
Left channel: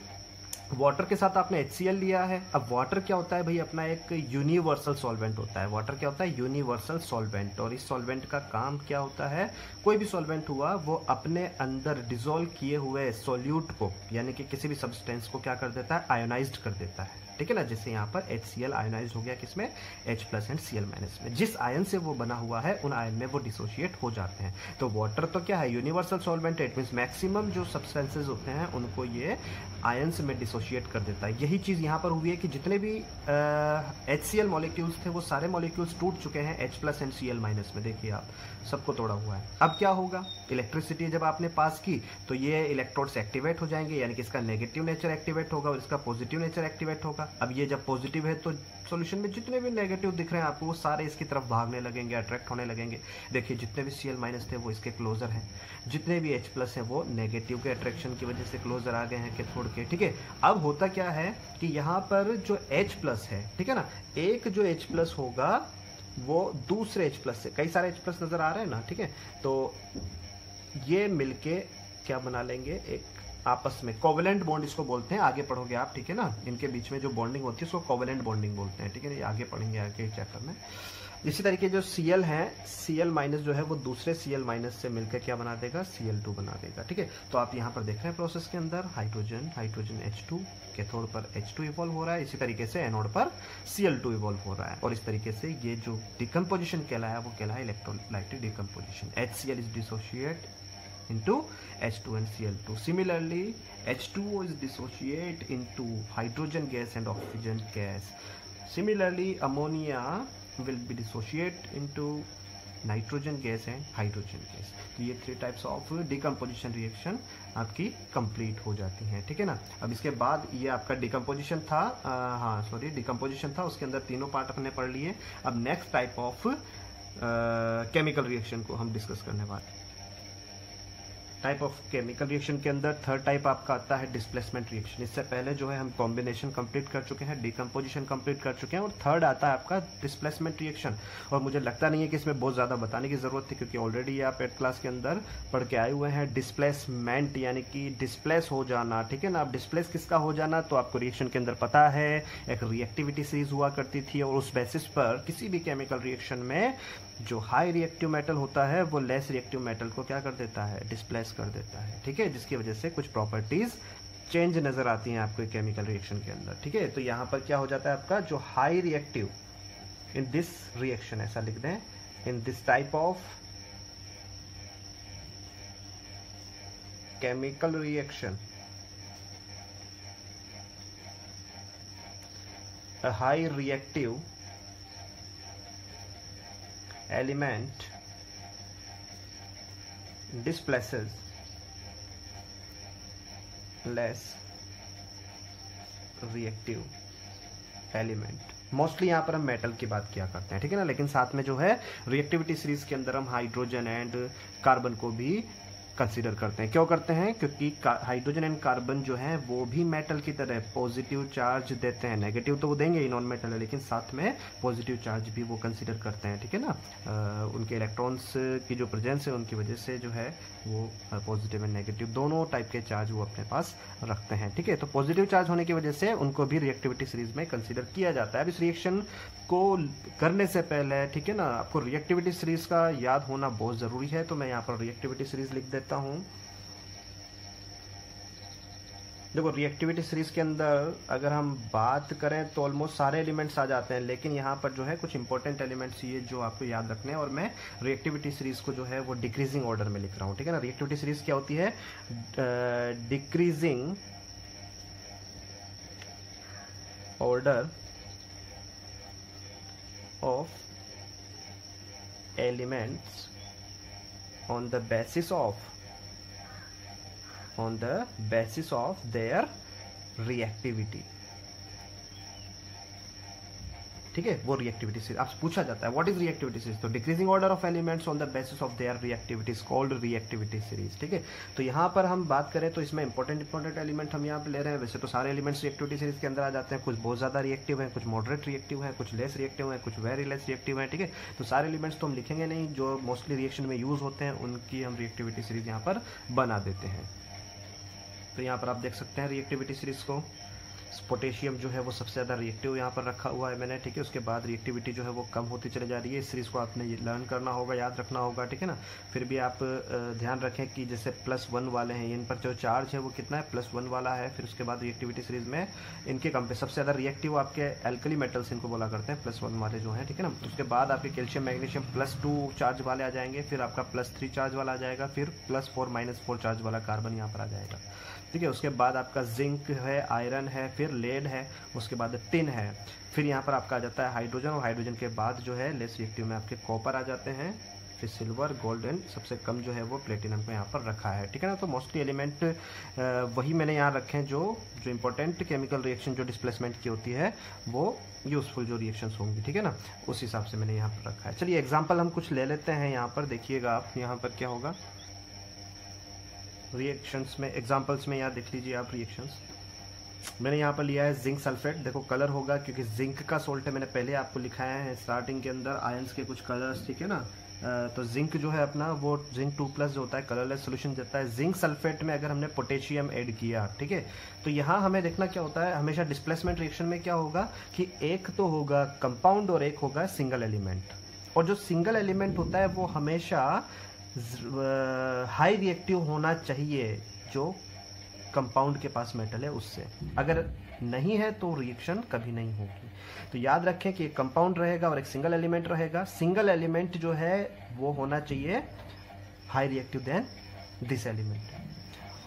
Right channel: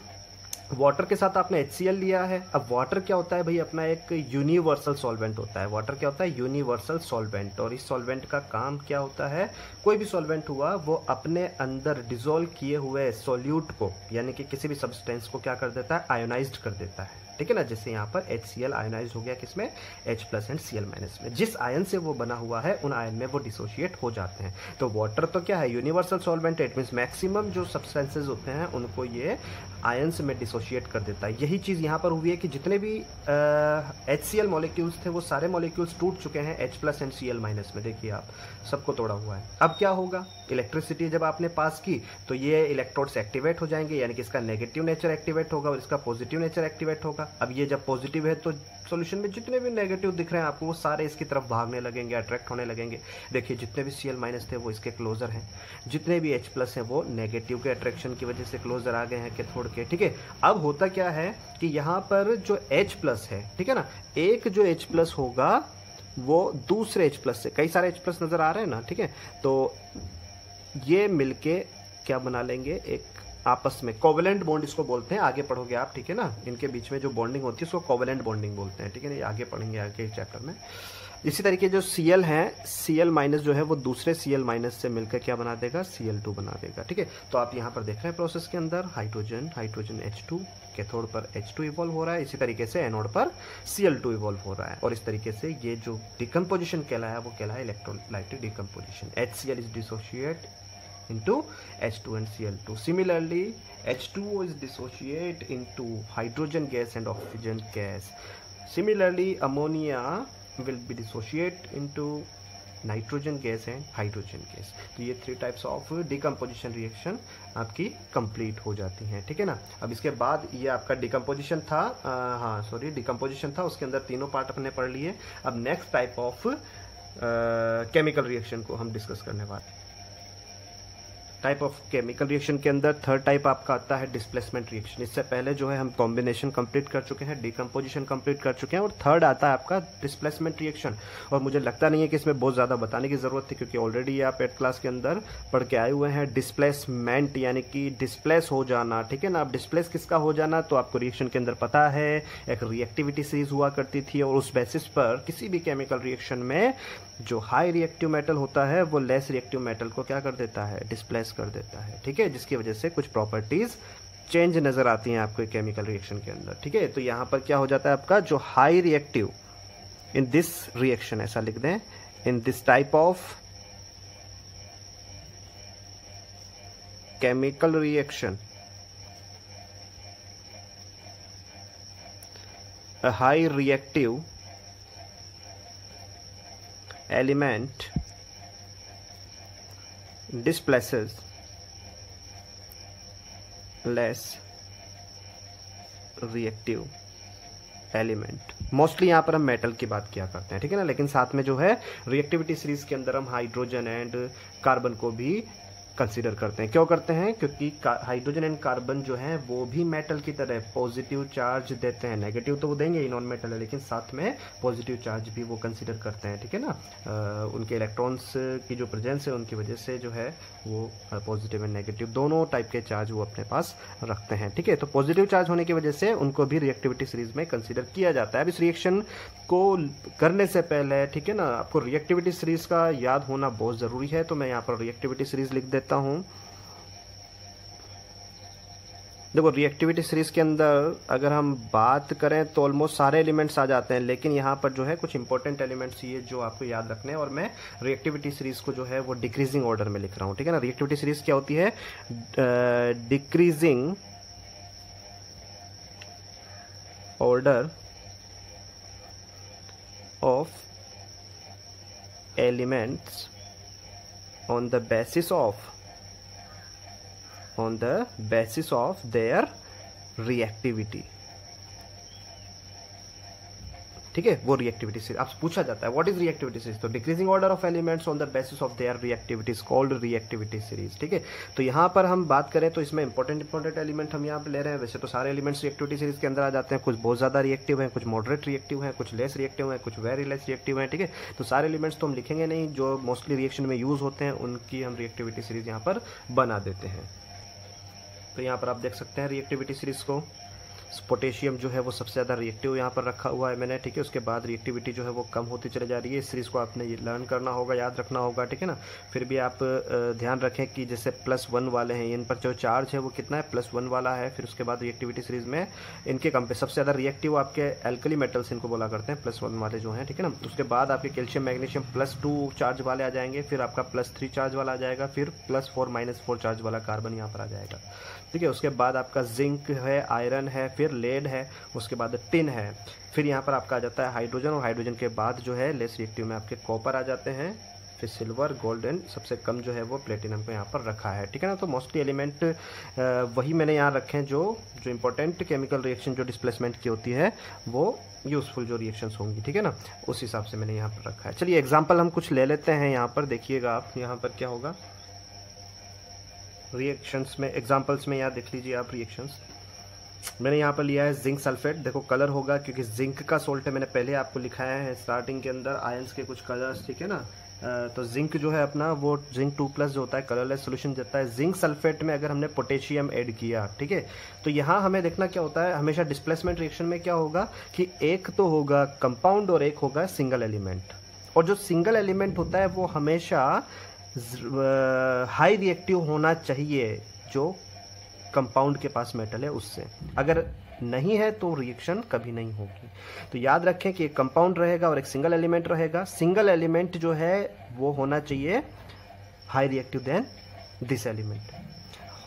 वाटर के साथ आपने HCl लिया है। अब वाटर क्या होता है भाई, अपना एक यूनिवर्सल सॉल्वेंट होता है। वाटर क्या होता है, यूनिवर्सल सॉल्वेंट। और इस सॉल्वेंट का काम क्या होता है, कोई भी सॉल्वेंट हुआ वो अपने अंदर डिसॉल्व किए हुए सॉल्यूट को यानी कि किसी भी सब्सटेंस को क्या कर देता है, आयोनाइज्ड कर देता है, ठीक है ना। जैसे यहाँ पर HCl आयोनाइज हो गया किसमें, H+ एंड Cl- में। जिस आयन से वो बना हुआ है उन आयन में वो डिसोशिएट हो जाते हैं। तो वाटर तो क्या है, यूनिवर्सल सॉल्वेंट है। इट मींस मैक्सिमम जो सब्सटेंसेज होते हैं उनको ये आयन्स में डिसोशिएट कर देता है। यही चीज यहाँ पर हुई है कि जितने भी HCl मॉलिक्यूल्स थे वो सारे मॉलिक्यूल्स टूट चुके हैं H+ एंड Cl- में। देखिए आप सबको तोड़ा हुआ है। अब क्या होगा, इलेक्ट्रिसिटी जब आपने पास की तो ये इलेक्ट्रोड्स एक्टिवेट हो जाएंगे, यानी कि इसका नेगेटिव नेचर एक्टिवेट होगा और इसका पॉजिटिव नेचर एक्टिवेट होगा। अब ये जब पॉजिटिव है तो सॉल्यूशन में जितने भी नेगेटिव दिख रहे हैं आपको वो सारे इसकी तरफ भागने लगेंगे, अट्रैक्ट होने लगेंगे। देखिए जितने भी Cl- थे वो इसके क्लोजर हैं, जितने भी H+ हैं वो नेगेटिव के अट्रैक्शन की वजह से क्लोजर आ गए हैं कैथोड के, ठीक है। अब होता क्या है कि यहाँ पर जो H+ है, ठीक है ना, एक जो H+ होगा वो दूसरे H+ से, कई सारे H+ नजर आ रहे हैं ना, ठीक है। तो ये मिलके क्या बना लेंगे, एक आपस में कोवेलेंट बॉन्ड इसको बोलते हैं। आगे पढ़ोगे आप, ठीक है ना, इनके बीच में जो बॉन्डिंग होती है उसको कोवेलेंट बॉन्डिंग बोलते हैं, ठीक है ना। ये आगे पढ़ेंगे आगे चैप्टर में। इसी तरीके जो Cl है, Cl- जो है वो दूसरे Cl- से मिलकर क्या बना देगा, Cl2 बना देगा, ठीक है। तो आप यहाँ पर देख रहे हैं प्रोसेस के अंदर हाइड्रोजन H2, कैथोड पर H2 इवॉल्व हो रहा है, इसी तरीके से एनोड पर Cl2 इवॉल्व हो रहा है। और इस तरीके से ये जो डिकम्पोजिशन कहलाया वो कहलाया electrolytic decomposition. HCl is dissociate into H2 and Cl2. Similarly, H2O is dissociate into hydrogen gas and oxygen gas. Similarly, ammonia will be dissociate into nitrogen gas and hydrogen gas. तो ये 3 टाइप्स ऑफ डिकम्पोजिशन रिएक्शन आपकी कंप्लीट हो जाती हैं, ठीक है ना। अब इसके बाद ये आपका डिकम्पोजिशन था, डिकम्पोजिशन था, उसके अंदर तीनों पार्ट अपने पढ़ लिए। अब next type of chemical reaction को हम डिस्कस करने वाले। टाइप ऑफ केमिकल रिएक्शन के अंदर थर्ड टाइप आपका आता है डिस्प्लेसमेंट रिएक्शन। इससे पहले जो है हम कॉम्बिनेशन कंप्लीट कर चुके हैं, डिकम्पोजिशन कंप्लीट कर चुके हैं, और थर्ड आता है आपका डिस्प्लेसमेंट रिएक्शन। और मुझे लगता नहीं है कि इसमें बहुत ज़्यादा बताने की ज़रूरत थी, क्योंकि ऑलरेडी आप 8th क्लास के अंदर पढ़ के आए हुए हैं। डिस्प्लेसमेंट यानी कि डिस्प्लेस हो जाना, ठीक है ना। अब डिस्प्लेस किसका हो जाना, तो आपको रिएक्शन के अंदर पता है एक रिएक्टिविटी सीरीज हुआ करती थी, और उस बेसिस पर किसी भी केमिकल रिएक्शन में जो हाई रिएक्टिव मेटल होता है वो लेस रिएक्टिव मेटल को क्या कर देता है, डिस्प्लेस कर देता है, ठीक है। जिसकी वजह से कुछ प्रॉपर्टीज चेंज नजर आती हैं आपको केमिकल रिएक्शन के अंदर, ठीक है। तो यहां पर क्या हो जाता है आपका जो high reactive in this reaction, ऐसा लिख दें, in this type of chemical reaction a high reactive element displaces less reactive element. Mostly यहाँ पर हम मेटल की बात किया करते हैं, ठीक है ना, लेकिन साथ में जो है रिएक्टिविटी सीरीज के अंदर हम हाइड्रोजन एंड कार्बन को भी कंसीडर करते हैं। क्यों करते हैं? क्योंकि हाइड्रोजन एंड कार्बन जो है वो भी मेटल की तरह पॉजिटिव चार्ज देते हैं। नेगेटिव तो वो देंगे ही, नॉन मेटल है, लेकिन साथ में पॉजिटिव चार्ज भी वो कंसीडर करते हैं, ठीक है ना। उनके इलेक्ट्रॉन्स की जो प्रेजेंस है उनकी वजह से जो है वो पॉजिटिव एंड नेगेटिव दोनों टाइप के चार्ज वो अपने पास रखते हैं, ठीक है। तो पॉजिटिव चार्ज होने की वजह से उनको भी रिएक्टिविटी सीरीज में कंसीडर किया जाता है। अब इस रिएक्शन को करने से पहले, ठीक है ना, आपको रिएक्टिविटी सीरीज का याद होना बहुत जरूरी है। तो मैं यहाँ पर रिएक्टिविटी सीरीज लिख देता हूं। देखो रिएक्टिविटी सीरीज के अंदर अगर हम बात करें तो ऑलमोस्ट सारे एलिमेंट्स आ जाते हैं, लेकिन यहाँ पर जो है कुछ इंपॉर्टेंट एलिमेंट्स ये जो आपको याद रखने हैं, और मैं रिएक्टिविटी सीरीज को जो है वो डिक्रीजिंग ऑर्डर में लिख रहा हूँ, ठीक है ना। रिएक्टिविटी सीरीज क्या होती है? Decreasing order of elements on the basis of their reactivity, ठीक है। वो रिएक्टिविटी सीरीज आपसे पूछा जाता है व्हाट इज रिएक्टिविटी सीरीज, तो decreasing order of elements on the basis of their reactivity is called reactivity series, ठीक है। तो यहाँ पर हम बात करें तो इसमें इंपॉर्टेंट एलिमेंट हम यहाँ पे ले रहे हैं। वैसे तो सारे एलिमेंट्स रिएक्टिविटी सीरीज के अंदर आ जाते हैं, कुछ बहुत ज्यादा रिएक्टिव है, कुछ मॉडरेट रिएक्टिव है, कुछ लेस रिएक्टिव है, कुछ वेरी लेस रिएक्टिव है, ठीक है। तो सारे एलिमेंट्स तो हम लिखेंगे नहीं, जो मोस्टली रिएक्शन में यूज होते हैं उनकी हम रिएक्टिविटी सीरीज यहाँ पर बना देते हैं। तो यहाँ पर आप देख सकते हैं रिएक्टिविटी सीरीज को। पोटेशियम जो है वो सबसे ज़्यादा रिएक्टिव यहाँ पर रखा हुआ है मैंने, ठीक है। उसके बाद रिएक्टिविटी जो है वो कम होती चली जा रही है। इस सीरीज को आपने लर्न करना होगा, याद रखना होगा, ठीक है ना। फिर भी आप ध्यान रखें कि जैसे +1 वाले हैं, इन पर जो चार्ज है वो कितना है? +1 वाला है। फिर उसके बाद रिएक्टिविटी सीरीज में इनके कम पे सबसे ज़्यादा रिएक्टिव आपके एल्कली मेटल्स इनको बोला करते हैं, +1 वाले जो हैं, ठीक है ना। उसके बाद आपके कैल्शियम मैग्नीशियम +2 चार्ज वाले आ जाएंगे, फिर आपका +3 चार्ज वाला आ जाएगा, फिर +4 -4 चार्ज वाला कार्बन यहाँ पर आ जाएगा, ठीक है। उसके बाद आपका जिंक है, आयरन है, फिर लेड है, उसके बाद टिन है, फिर यहाँ पर आपका आ जाता है हाइड्रोजन, और हाइड्रोजन के बाद जो है लेस रिएक्टिव में आपके कॉपर आ जाते हैं, फिर सिल्वर, गोल्ड एंड सबसे कम जो है वो प्लेटिनम को यहाँ पर रखा है, ठीक है ना। तो मोस्टली एलिमेंट वही मैंने यहाँ रखे हैं जो इंपॉर्टेंट केमिकल रिएक्शन जो डिस्प्लेसमेंट की होती है वो यूजफुल जो रिएक्शंस होंगी, ठीक है ना, उस हिसाब से मैंने यहाँ पर रखा है। चलिए एग्जाम्पल हम कुछ ले लेते हैं यहाँ पर। देखिएगा आप यहाँ पर क्या होगा रिएक्शंस में, एग्जांपल्स में यहाँ देख लीजिए आप रिएक्शंस। मैंने यहाँ पर लिया है जिंक सल्फेट। देखो कलर होगा क्योंकि जिंक का सोल्ट है, मैंने पहले आपको लिखाया है स्टार्टिंग के अंदर आयंस के कुछ कलर्स, ठीक है ना। तो जिंक जो है अपना वो जिंक 2+ जो होता है कलरलेस सोल्यूशन देता है। जिंक सल्फेट में अगर हमने पोटेशियम ऐड किया, ठीक है, तो यहाँ हमें देखना क्या होता है, हमेशा डिस्प्लेसमेंट रिएक्शन में क्या होगा कि एक तो होगा कंपाउंड और एक होगा सिंगल एलिमेंट, और जो सिंगल एलिमेंट होता है वो हमेशा हाई रिएक्टिव होना चाहिए जो कंपाउंड के पास मेटल है उससे। अगर नहीं है तो रिएक्शन कभी नहीं होगी। तो याद रखें कि एक कंपाउंड रहेगा और एक सिंगल एलिमेंट रहेगा। सिंगल एलिमेंट जो है वो होना चाहिए high reactive than this element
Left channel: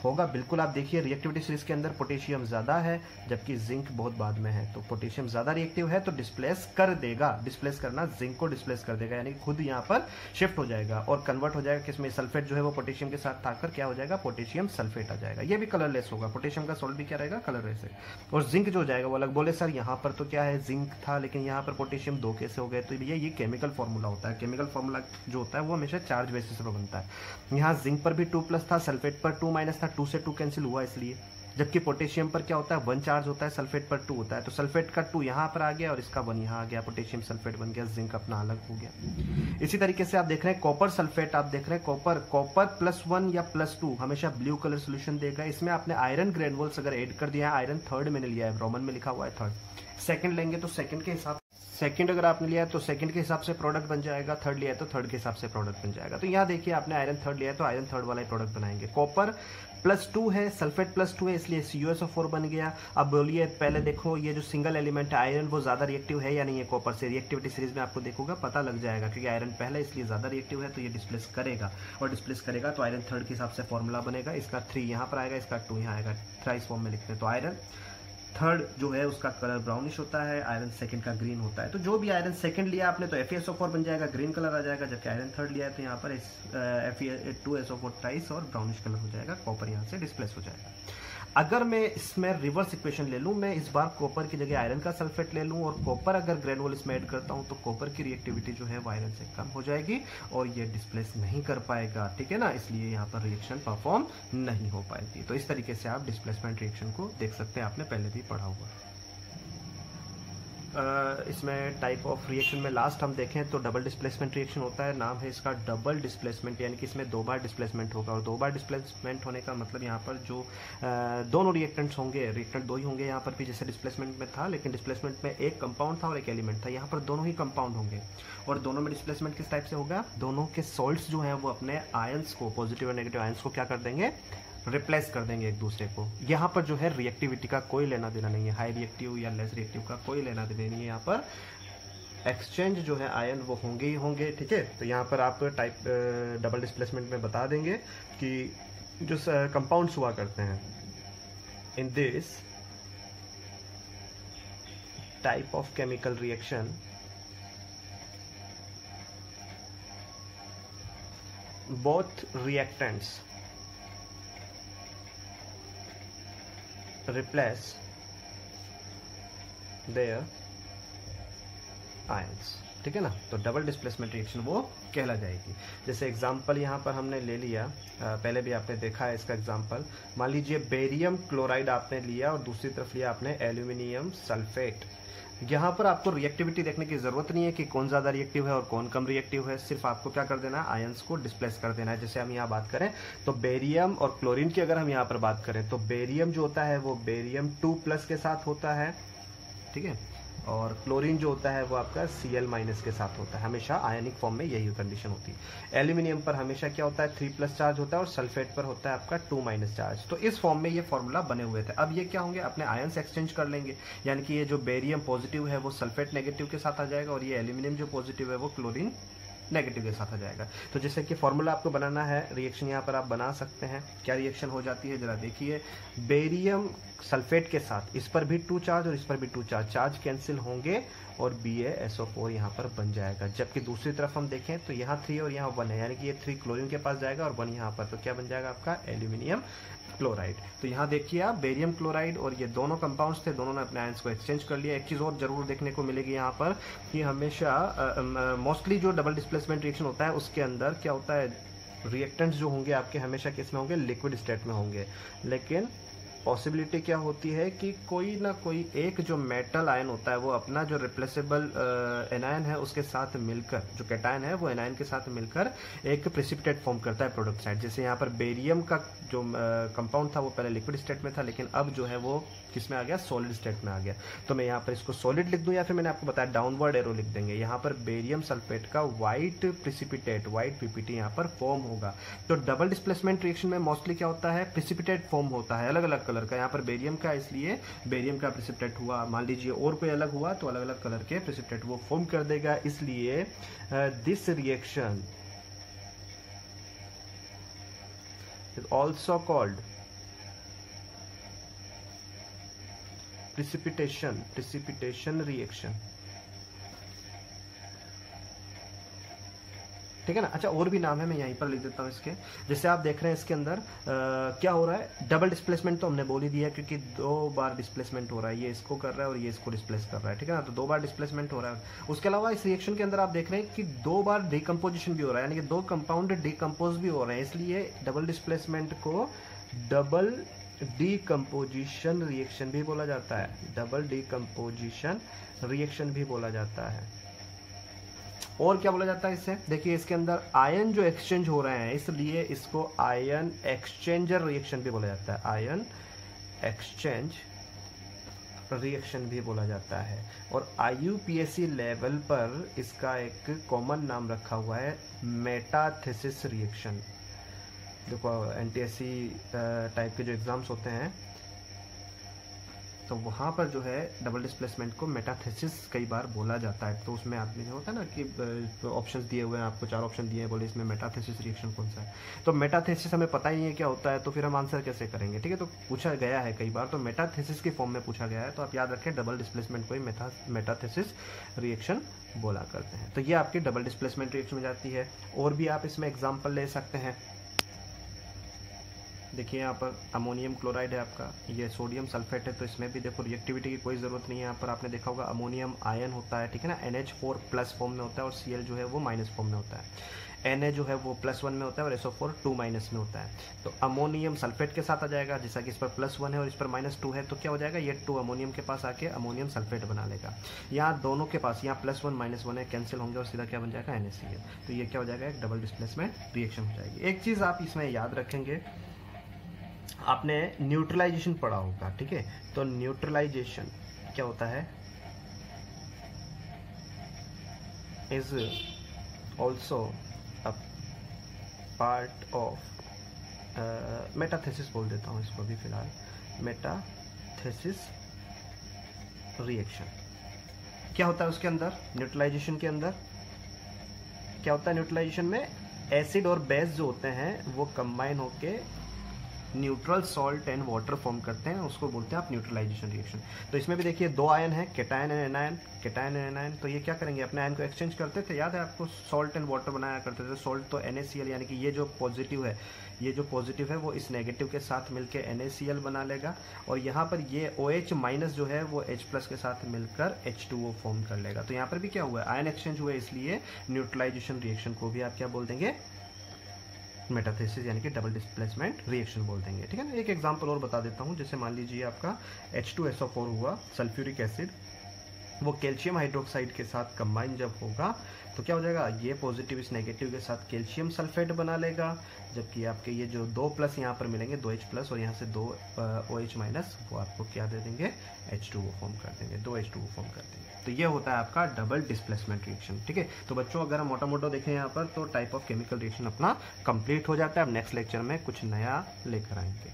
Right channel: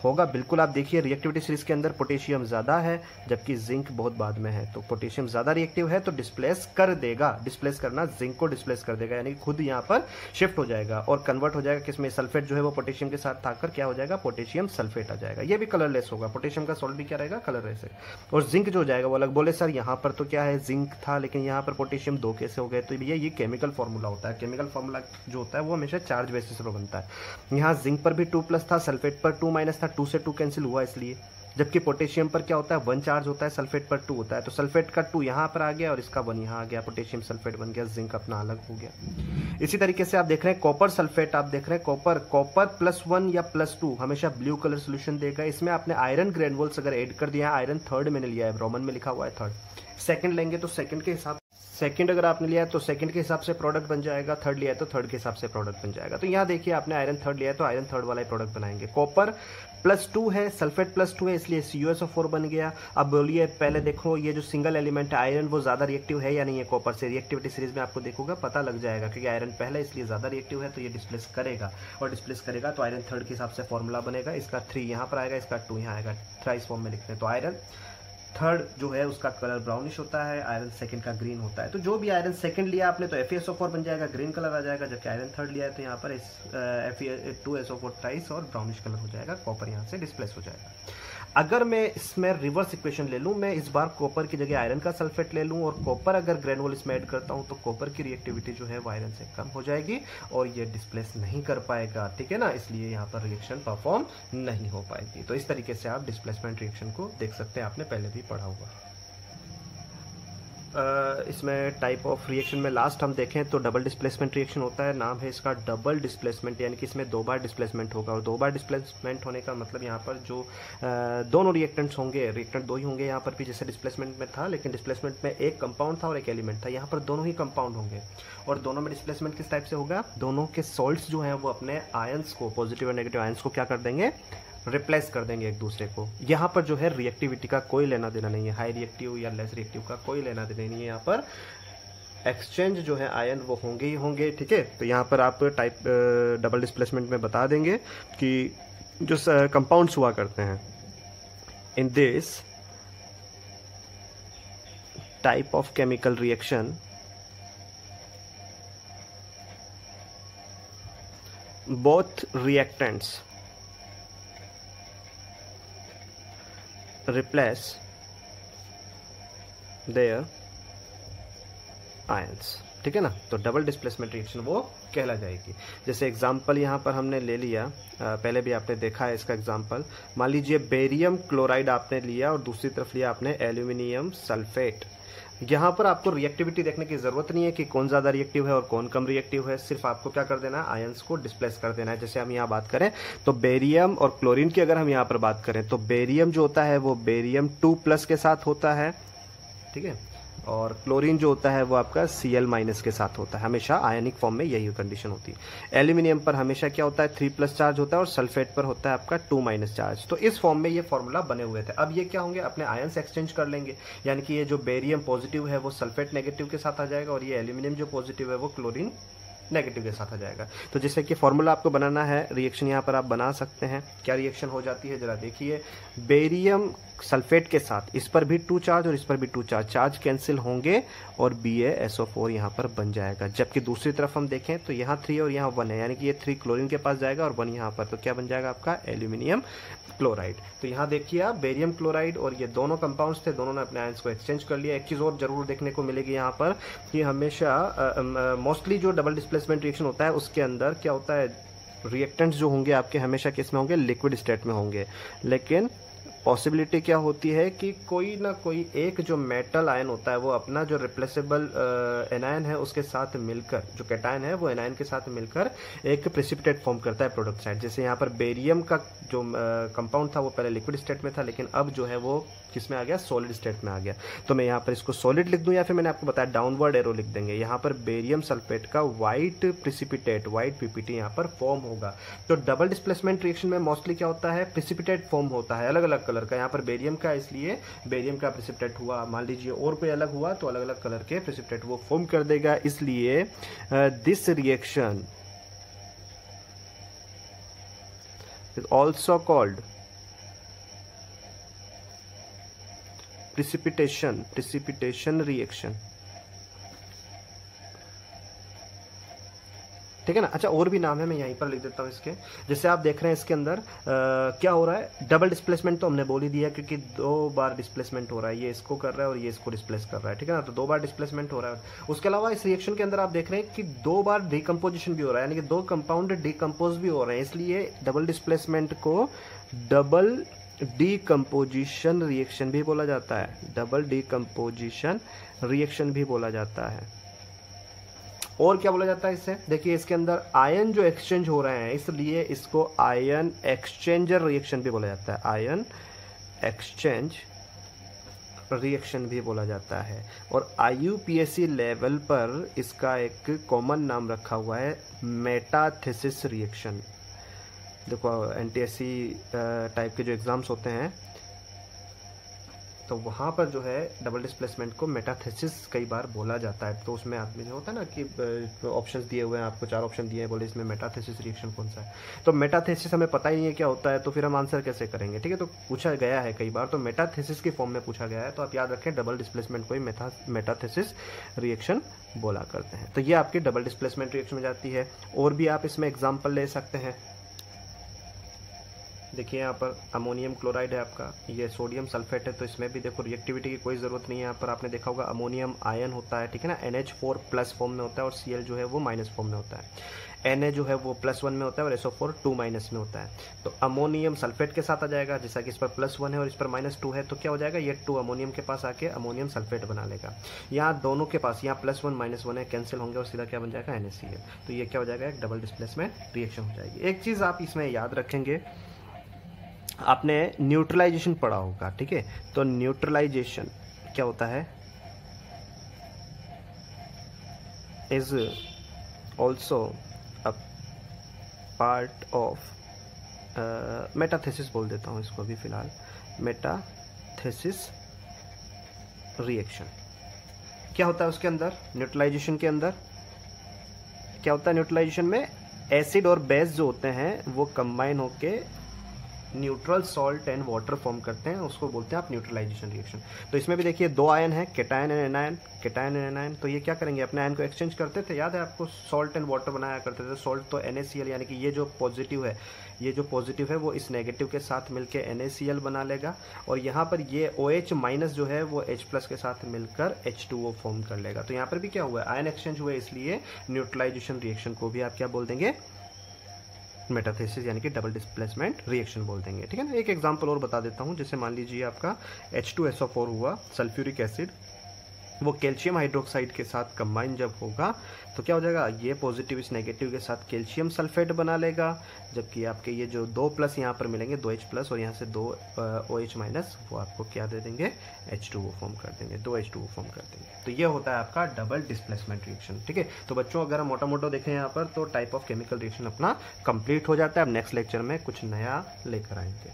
होगा। बिल्कुल आप देखिए रिएक्टिविटी सीरीज के अंदर पोटेशियम ज़्यादा है जबकि जिंक बहुत बाद में है, तो पोटेशियम ज़्यादा रिएक्टिव है तो डिस्प्लेस कर देगा, डिस्प्लेस करना जिंक को डिस्प्लेस कर देगा, यानी खुद यहाँ पर शिफ्ट हो जाएगा और कन्वर्ट हो जाएगा किसमें, सल्फेट जो है वो पोटेशियम के साथ आकर क्या हो जाएगा, पोटेशियम सल्फेट आ जाएगा। ये भी कलरलेस होगा, पोटेशियम का सॉल्ट भी क्या रहेगा, कलरलेस है। और जिंक जो हो जाएगा वो अलग। बोले सर यहाँ पर तो क्या है जिंक था लेकिन यहाँ पर पोटेशियम 2 कैसे हो गए, तो ये केमिकल फॉर्मूला होता है। केमिकल फॉर्मूला जो होता है वो हमेशा चार्ज बेसिस पर बनता है। यहाँ जिंक पर भी 2+ था, सल्फेट पर 2- था, 2 से 2 कैंसिल हुआ इसलिए। जबकि पोटेशियम पर क्या होता है 1 चार्ज होता है, सल्फेट पर 2 होता है, तो सल्फेट का 2 यहाँ पर आ गया और इसका 1 यहाँ आ गया, पोटेशियम सल्फेट बन गया, जिंक अपना अलग हो गया। इसी तरीके से आप देख रहे हैं कॉपर सल्फेट, आप देख रहे हैं कॉपर +1 या +2 हमेशा ब्लू कलर सोल्यूशन देगा। इसमें आपने आयरन ग्रेनुल्स अगर ऐड कर दिया, आयरन 3rd मैंने लिया है, रोमन में लिखा हुआ है 3rd। सेकंड लेंगे तो सेकंड के हिसाब, सेकंड अगर आपने लिया है तो सेकंड के हिसाब से प्रोडक्ट बन जाएगा, 3rd लिया है तो 3rd के हिसाब से प्रोडक्ट बन जाएगा। तो यहाँ देखिए आपने आयरन 3rd लिया है तो आयरन 3rd वाला ही प्रोडक्ट बनाएंगे। कॉपर +2 है, सल्फेट +2 है, इसलिए CuSO4 बन गया। अब बोलिए पहले देखो ये जो सिंगल एलिमेंट है आयरन वो ज्यादा रिएक्टिव है या नहीं है कॉपर से, रिएक्टिविटी सीरीज में आपको देखोगा पता लग जाएगा, क्योंकि आयरन पहले इसलिए ज्यादा रिएक्टिव है तो ये डिस्प्लेस करेगा, और डिस्प्लेस करेगा तो आयरन 3rd के हिसाब से फॉर्मूला बनेगा, इसका 3 यहाँ पर आएगा, इसका 2 यहाँ आएगा, थ्राइस फॉर्म में लिखते हैं। तो आयरन थर्ड जो है उसका कलर ब्राउनिश होता है, आयरन सेकंड का ग्रीन होता है। तो जो भी आयरन सेकंड लिया आपने तो FeSO4 बन जाएगा, ग्रीन कलर आ जाएगा, जबकि आयरन थर्ड लिया है तो यहाँ पर Fe2SO4 टाइस और ब्राउनिश कलर हो जाएगा, कॉपर यहाँ से डिस्प्लेस हो जाएगा। अगर मैं इसमें रिवर्स इक्वेशन ले लूं, मैं इस बार कॉपर की जगह आयरन का सल्फेट ले लूं और कॉपर अगर ग्रेनुल इसमें ऐड करता हूं तो कॉपर की रिएक्टिविटी जो है वो आयरन से कम हो जाएगी और ये डिस्प्लेस नहीं कर पाएगा, ठीक है ना, इसलिए यहाँ पर रिएक्शन परफॉर्म नहीं हो पाएगी। तो इस तरीके से आप डिस्प्लेसमेंट रिएक्शन को देख सकते हैं, आपने पहले भी पढ़ा हुआ है। इसमें टाइप ऑफ रिएक्शन में लास्ट हम देखें तो डबल डिस्प्लेसमेंट रिएक्शन होता है, नाम है इसका डबल डिस्प्लेसमेंट, यानी कि इसमें 2 बार डिस्प्लेसमेंट होगा। और 2 बार डिस्प्लेसमेंट होने का मतलब यहाँ पर जो दोनों रिएक्टेंट्स होंगे, रिएक्टेंट 2 ही होंगे यहाँ पर भी, जैसे डिस्प्लेसमेंट में था, लेकिन डिस्प्लेसमेंट में एक कंपाउंड था और एक एलिमेंट था, यहाँ पर दोनों ही कंपाउंड होंगे। और दोनों में डिस्प्लेसमेंट किस टाइप से होगा, दोनों के सॉल्ट्स जो हैं वो अपने आयंस को, पॉजिटिव और नेगेटिव आयंस को क्या कर देंगे, रिप्लेस कर देंगे एक दूसरे को। यहाँ पर जो है रिएक्टिविटी का कोई लेना देना नहीं है, हाई रिएक्टिव या लेस रिएक्टिव का कोई लेना देना नहीं है, यहाँ पर एक्सचेंज जो है आयन वो होंगे ही होंगे, ठीक है। तो यहाँ पर आप टाइप डबल डिस्प्लेसमेंट में बता देंगे कि जो कंपाउंड्स हुआ करते हैं in this type of chemical reaction, both reactants replace their ions, ठीक है ना। तो डबल डिस्प्लेसमेंट रिएक्शन वो कहला जाएगी। जैसे एग्जांपल यहाँ पर हमने ले लिया, पहले भी आपने देखा है इसका एग्जांपल, मान लीजिए बेरियम क्लोराइड आपने लिया और दूसरी तरफ लिया आपने एल्यूमिनियम सल्फेट। यहाँ पर आपको रिएक्टिविटी देखने की जरूरत नहीं है कि कौन ज्यादा रिएक्टिव है और कौन कम रिएक्टिव है, सिर्फ आपको क्या कर देना है, आयंस को डिस्प्लेस कर देना है। जैसे हम यहाँ बात करें तो बेरियम और क्लोरीन की अगर हम यहाँ पर बात करें तो बेरियम जो होता है वो बेरियम 2+ के साथ होता है, ठीक है, और क्लोरीन जो होता है वो आपका Cl- के साथ होता है, हमेशा आयनिक फॉर्म में यही कंडीशन होती है। एल्यूमिनियम पर हमेशा क्या होता है, 3+ चार्ज होता है और सल्फेट पर होता है आपका 2- चार्ज। तो इस फॉर्म में ये फॉर्मूला बने हुए थे। अब ये क्या होंगे, अपने आयंस एक्सचेंज कर लेंगे, यानी कि ये जो बेरियम पॉजिटिव है वो सल्फेट नेगेटिव के साथ आ जाएगा और ये एल्यूमिनियम जो पॉजिटिव है वो क्लोरीन नेगेटिव के साथ आ जाएगा। तो जैसे कि फॉर्मूला आपको बनाना है, रिएक्शन यहाँ पर आप बना सकते हैं। क्या रिएक्शन हो जाती है जरा देखिए, बेरियम सल्फेट के साथ इस पर भी 2 चार्ज और इस पर भी 2 चार्ज, चार्ज कैंसिल होंगे और BaSO4 यहाँ पर बन जाएगा। जबकि दूसरी तरफ हम देखें तो यहाँ 3 और यहाँ 1 है, यानी कि ये 3 क्लोरीन के पास जाएगा और 1 यहाँ पर, तो क्या बन जाएगा आपका एल्यूमिनियम क्लोराइड। तो यहाँ देखिए आप, बेरियम क्लोराइड और ये दोनों कंपाउंड्स थे, दोनों ने अपने आयंस को एक्सचेंज कर लिया। एक चीज और जरूर देखने को मिलेगी यहाँ पर कि हमेशा मोस्टली जो डबल डिस्प्लेसमेंट रिएक्शन होता है उसके अंदर क्या होता है, रिएक्टेंट्स जो होंगे आपके हमेशा किस में होंगे, लिक्विड स्टेट में होंगे। लेकिन पॉसिबिलिटी क्या होती है कि कोई ना कोई एक जो मेटल आयन होता है वो अपना जो रिप्लेसेबल एनायन है उसके साथ मिलकर, जो कैटायन है वो एनायन के साथ मिलकर एक प्रेसिपिटेट फॉर्म करता है प्रोडक्ट साइड। जैसे यहाँ पर बेरियम का जो कंपाउंड था वो पहले लिक्विड स्टेट में था, लेकिन अब जो है वो किस में आ गया, सॉलिड स्टेट में आ गया। तो मैं यहाँ पर इसको सॉलिड लिख दूं या फिर मैंने आपको बताया डाउनवर्ड एरो लिख देंगे। यहाँ पर बेरियम सल्फेट का व्हाइट प्रेसिपिटेट, व्हाइट पीपीटी यहाँ पर फॉर्म होगा। तो डबल डिस्प्लेसमेंट रिएक्शन में मोस्टली क्या होता है, प्रेसिपिटेट फॉर्म होता है अलग अलग कलर का। यहाँ पर बेरियम का, इसलिए बेरियम का प्रेसिपिटेट हुआ, मान लीजिए और कोई अलग हुआ तो अलग अलग कलर के प्रेसिपिटेट वो फॉर्म कर देगा। इसलिए this reaction is also called precipitation reaction, ठीक है ना। अच्छा, और भी नाम है, मैं यहीं पर लिख देता हूं इसके। जैसे आप देख रहे हैं इसके अंदर क्या हो रहा है, डबल डिस्प्लेसमेंट तो हमने बोल ही दिया क्योंकि 2 बार डिस्प्लेसमेंट हो रहा है, ये इसको कर रहा है और ये इसको डिस्प्लेस कर रहा है, ठीक है ना। तो 2 बार डिस्प्लेसमेंट हो रहा है। उसके अलावा इस रिएक्शन के अंदर आप देख रहे हैं कि 2 बार डिकम्पोजिशन भी हो रहा है, यानी कि 2 कंपाउंड डिकम्पोज भी हो रहे हैं, इसलिए डबल डिस्प्लेसमेंट को डबल डीकम्पोजिशन रिएक्शन भी बोला जाता है, डबल डीकम्पोजिशन रिएक्शन भी बोला जाता है। और क्या बोला जाता है इससे, देखिए इसके अंदर आयन जो एक्सचेंज हो रहे हैं इसलिए इसको आयन एक्सचेंजर रिएक्शन भी बोला जाता है, आयन एक्सचेंज रिएक्शन भी बोला जाता है। और IUPAC लेवल पर इसका एक कॉमन नाम रखा हुआ है, मेटाथेसिस रिएक्शन। देखो NTSC टाइप के जो एग्जाम्स होते हैं तो वहाँ पर जो है डबल डिस्प्लेसमेंट को मेटाथेसिस कई बार बोला जाता है। तो उसमें आदमी जो होता है ना कि ऑप्शंस दिए हुए हैं आपको, 4 ऑप्शन दिए हैं, बोले इसमें मेटाथेसिस रिएक्शन कौन सा है। तो मेटाथेसिस हमें पता ही नहीं है क्या होता है, तो फिर हम आंसर कैसे करेंगे, ठीक है। तो पूछा गया है कई बार, तो मेटाथेसिस की फॉर्म में पूछा गया है, तो आप याद रखें डबल डिस्प्लेसमेंट को ही मेटाथेसिस रिएक्शन बोला करते हैं। तो ये आपकी डबल डिस्प्लेसमेंट रिएक्शन हो जाती है। और भी आप इसमें एग्जाम्पल ले सकते हैं। देखिए यहाँ पर अमोनियम क्लोराइड है आपका, ये सोडियम सल्फेट है, तो इसमें भी देखो रिएक्टिविटी की कोई ज़रूरत नहीं है। यहाँ पर आपने देखा होगा अमोनियम आयन होता है, ठीक है ना, NH4 प्लस फॉर्म में होता है और Cl जो है वो माइनस फॉर्म में होता है। Na जो है वो +1 में होता है और SO4 2 माइनस में होता है। तो अमोनियम सल्फेट के साथ आ जाएगा, जैसा कि इस पर +1 है और इस पर -2 है, तो क्या हो जाएगा, ये 2 अमोनियम के पास आके अमोनियम सल्फेट बना लेगा। यहाँ दोनों के पास, यहाँ +1 -1 है, कैंसिल होंगे और सीधा क्या बन जाएगा, NaCl। तो ये क्या हो जाएगा, एक डबल डिस्प्लेसमेंट रिएक्शन हो जाएगी। एक चीज़ आप इसमें याद रखेंगे, आपने न्यूट्रलाइजेशन पढ़ा होगा, ठीक है। तो न्यूट्रलाइजेशन क्या होता है, is also a part of metathesis बोल देता हूँ इसको अभी फिलहाल, मेटाथेसिस रिएक्शन। क्या होता है उसके अंदर, न्यूट्रलाइजेशन के अंदर क्या होता है, न्यूट्रलाइजेशन में एसिड और बेस जो होते हैं वो कंबाइन होके neutral salt and water form करते हैं, उसको बोलते हैं आप न्यूट्रलाइजेशन रिएक्शन। तो इसमें भी देखिए 2 आयन है, cation and anion, cation and anion. तो ये क्या करेंगे, अपने आयन को एक्सचेंज करते थे, याद है आपको, सॉल्ट एंड वाटर बनाया करते थे। सॉल्ट तो NaCl, यानी कि ये जो पॉजिटिव है, ये जो पॉजिटिव है वो इस नेगेटिव के साथ मिलकर NaCl बना लेगा, और यहाँ पर ये OH माइनस जो है वो H+ के साथ मिलकर H2O फॉर्म कर लेगा। तो यहाँ पर भी क्या हुआ है, आयन एक्सचेंज हुआ है, इसलिए न्यूट्रलाइजेशन रिएक्शन को भी आप क्या बोल देंगे, मेटाथेसिस यानी कि डबल डिस्प्लेसमेंट रिएक्शन बोल देंगे, ठीक है ना। एक एग्जांपल और बता देता हूँ, जैसे मान लीजिए आपका H2SO4 हुआ, सल्फ्यूरिक एसिड, वो कैल्शियम हाइड्रोक्साइड के साथ कंबाइन जब होगा तो क्या हो जाएगा, ये पॉजिटिव इस नेगेटिव के साथ कैल्शियम सल्फेट बना लेगा, जबकि आपके ये जो 2+ यहाँ पर मिलेंगे, 2H+ और यहाँ से 2 OH माइनस, वो आपको क्या दे देंगे, H2O फॉर्म कर देंगे, 2 H2O फॉर्म कर देंगे। तो ये होता है आपका डबल डिस्प्लेसमेंट रिएक्शन, ठीक है। तो बच्चों अगर हम मोटा मोटा देखें यहाँ पर, तो टाइप ऑफ केमिकल रिएक्शन अपना कंप्लीट हो जाता है। अब नेक्स्ट लेक्चर में कुछ नया लेकर आएंगे।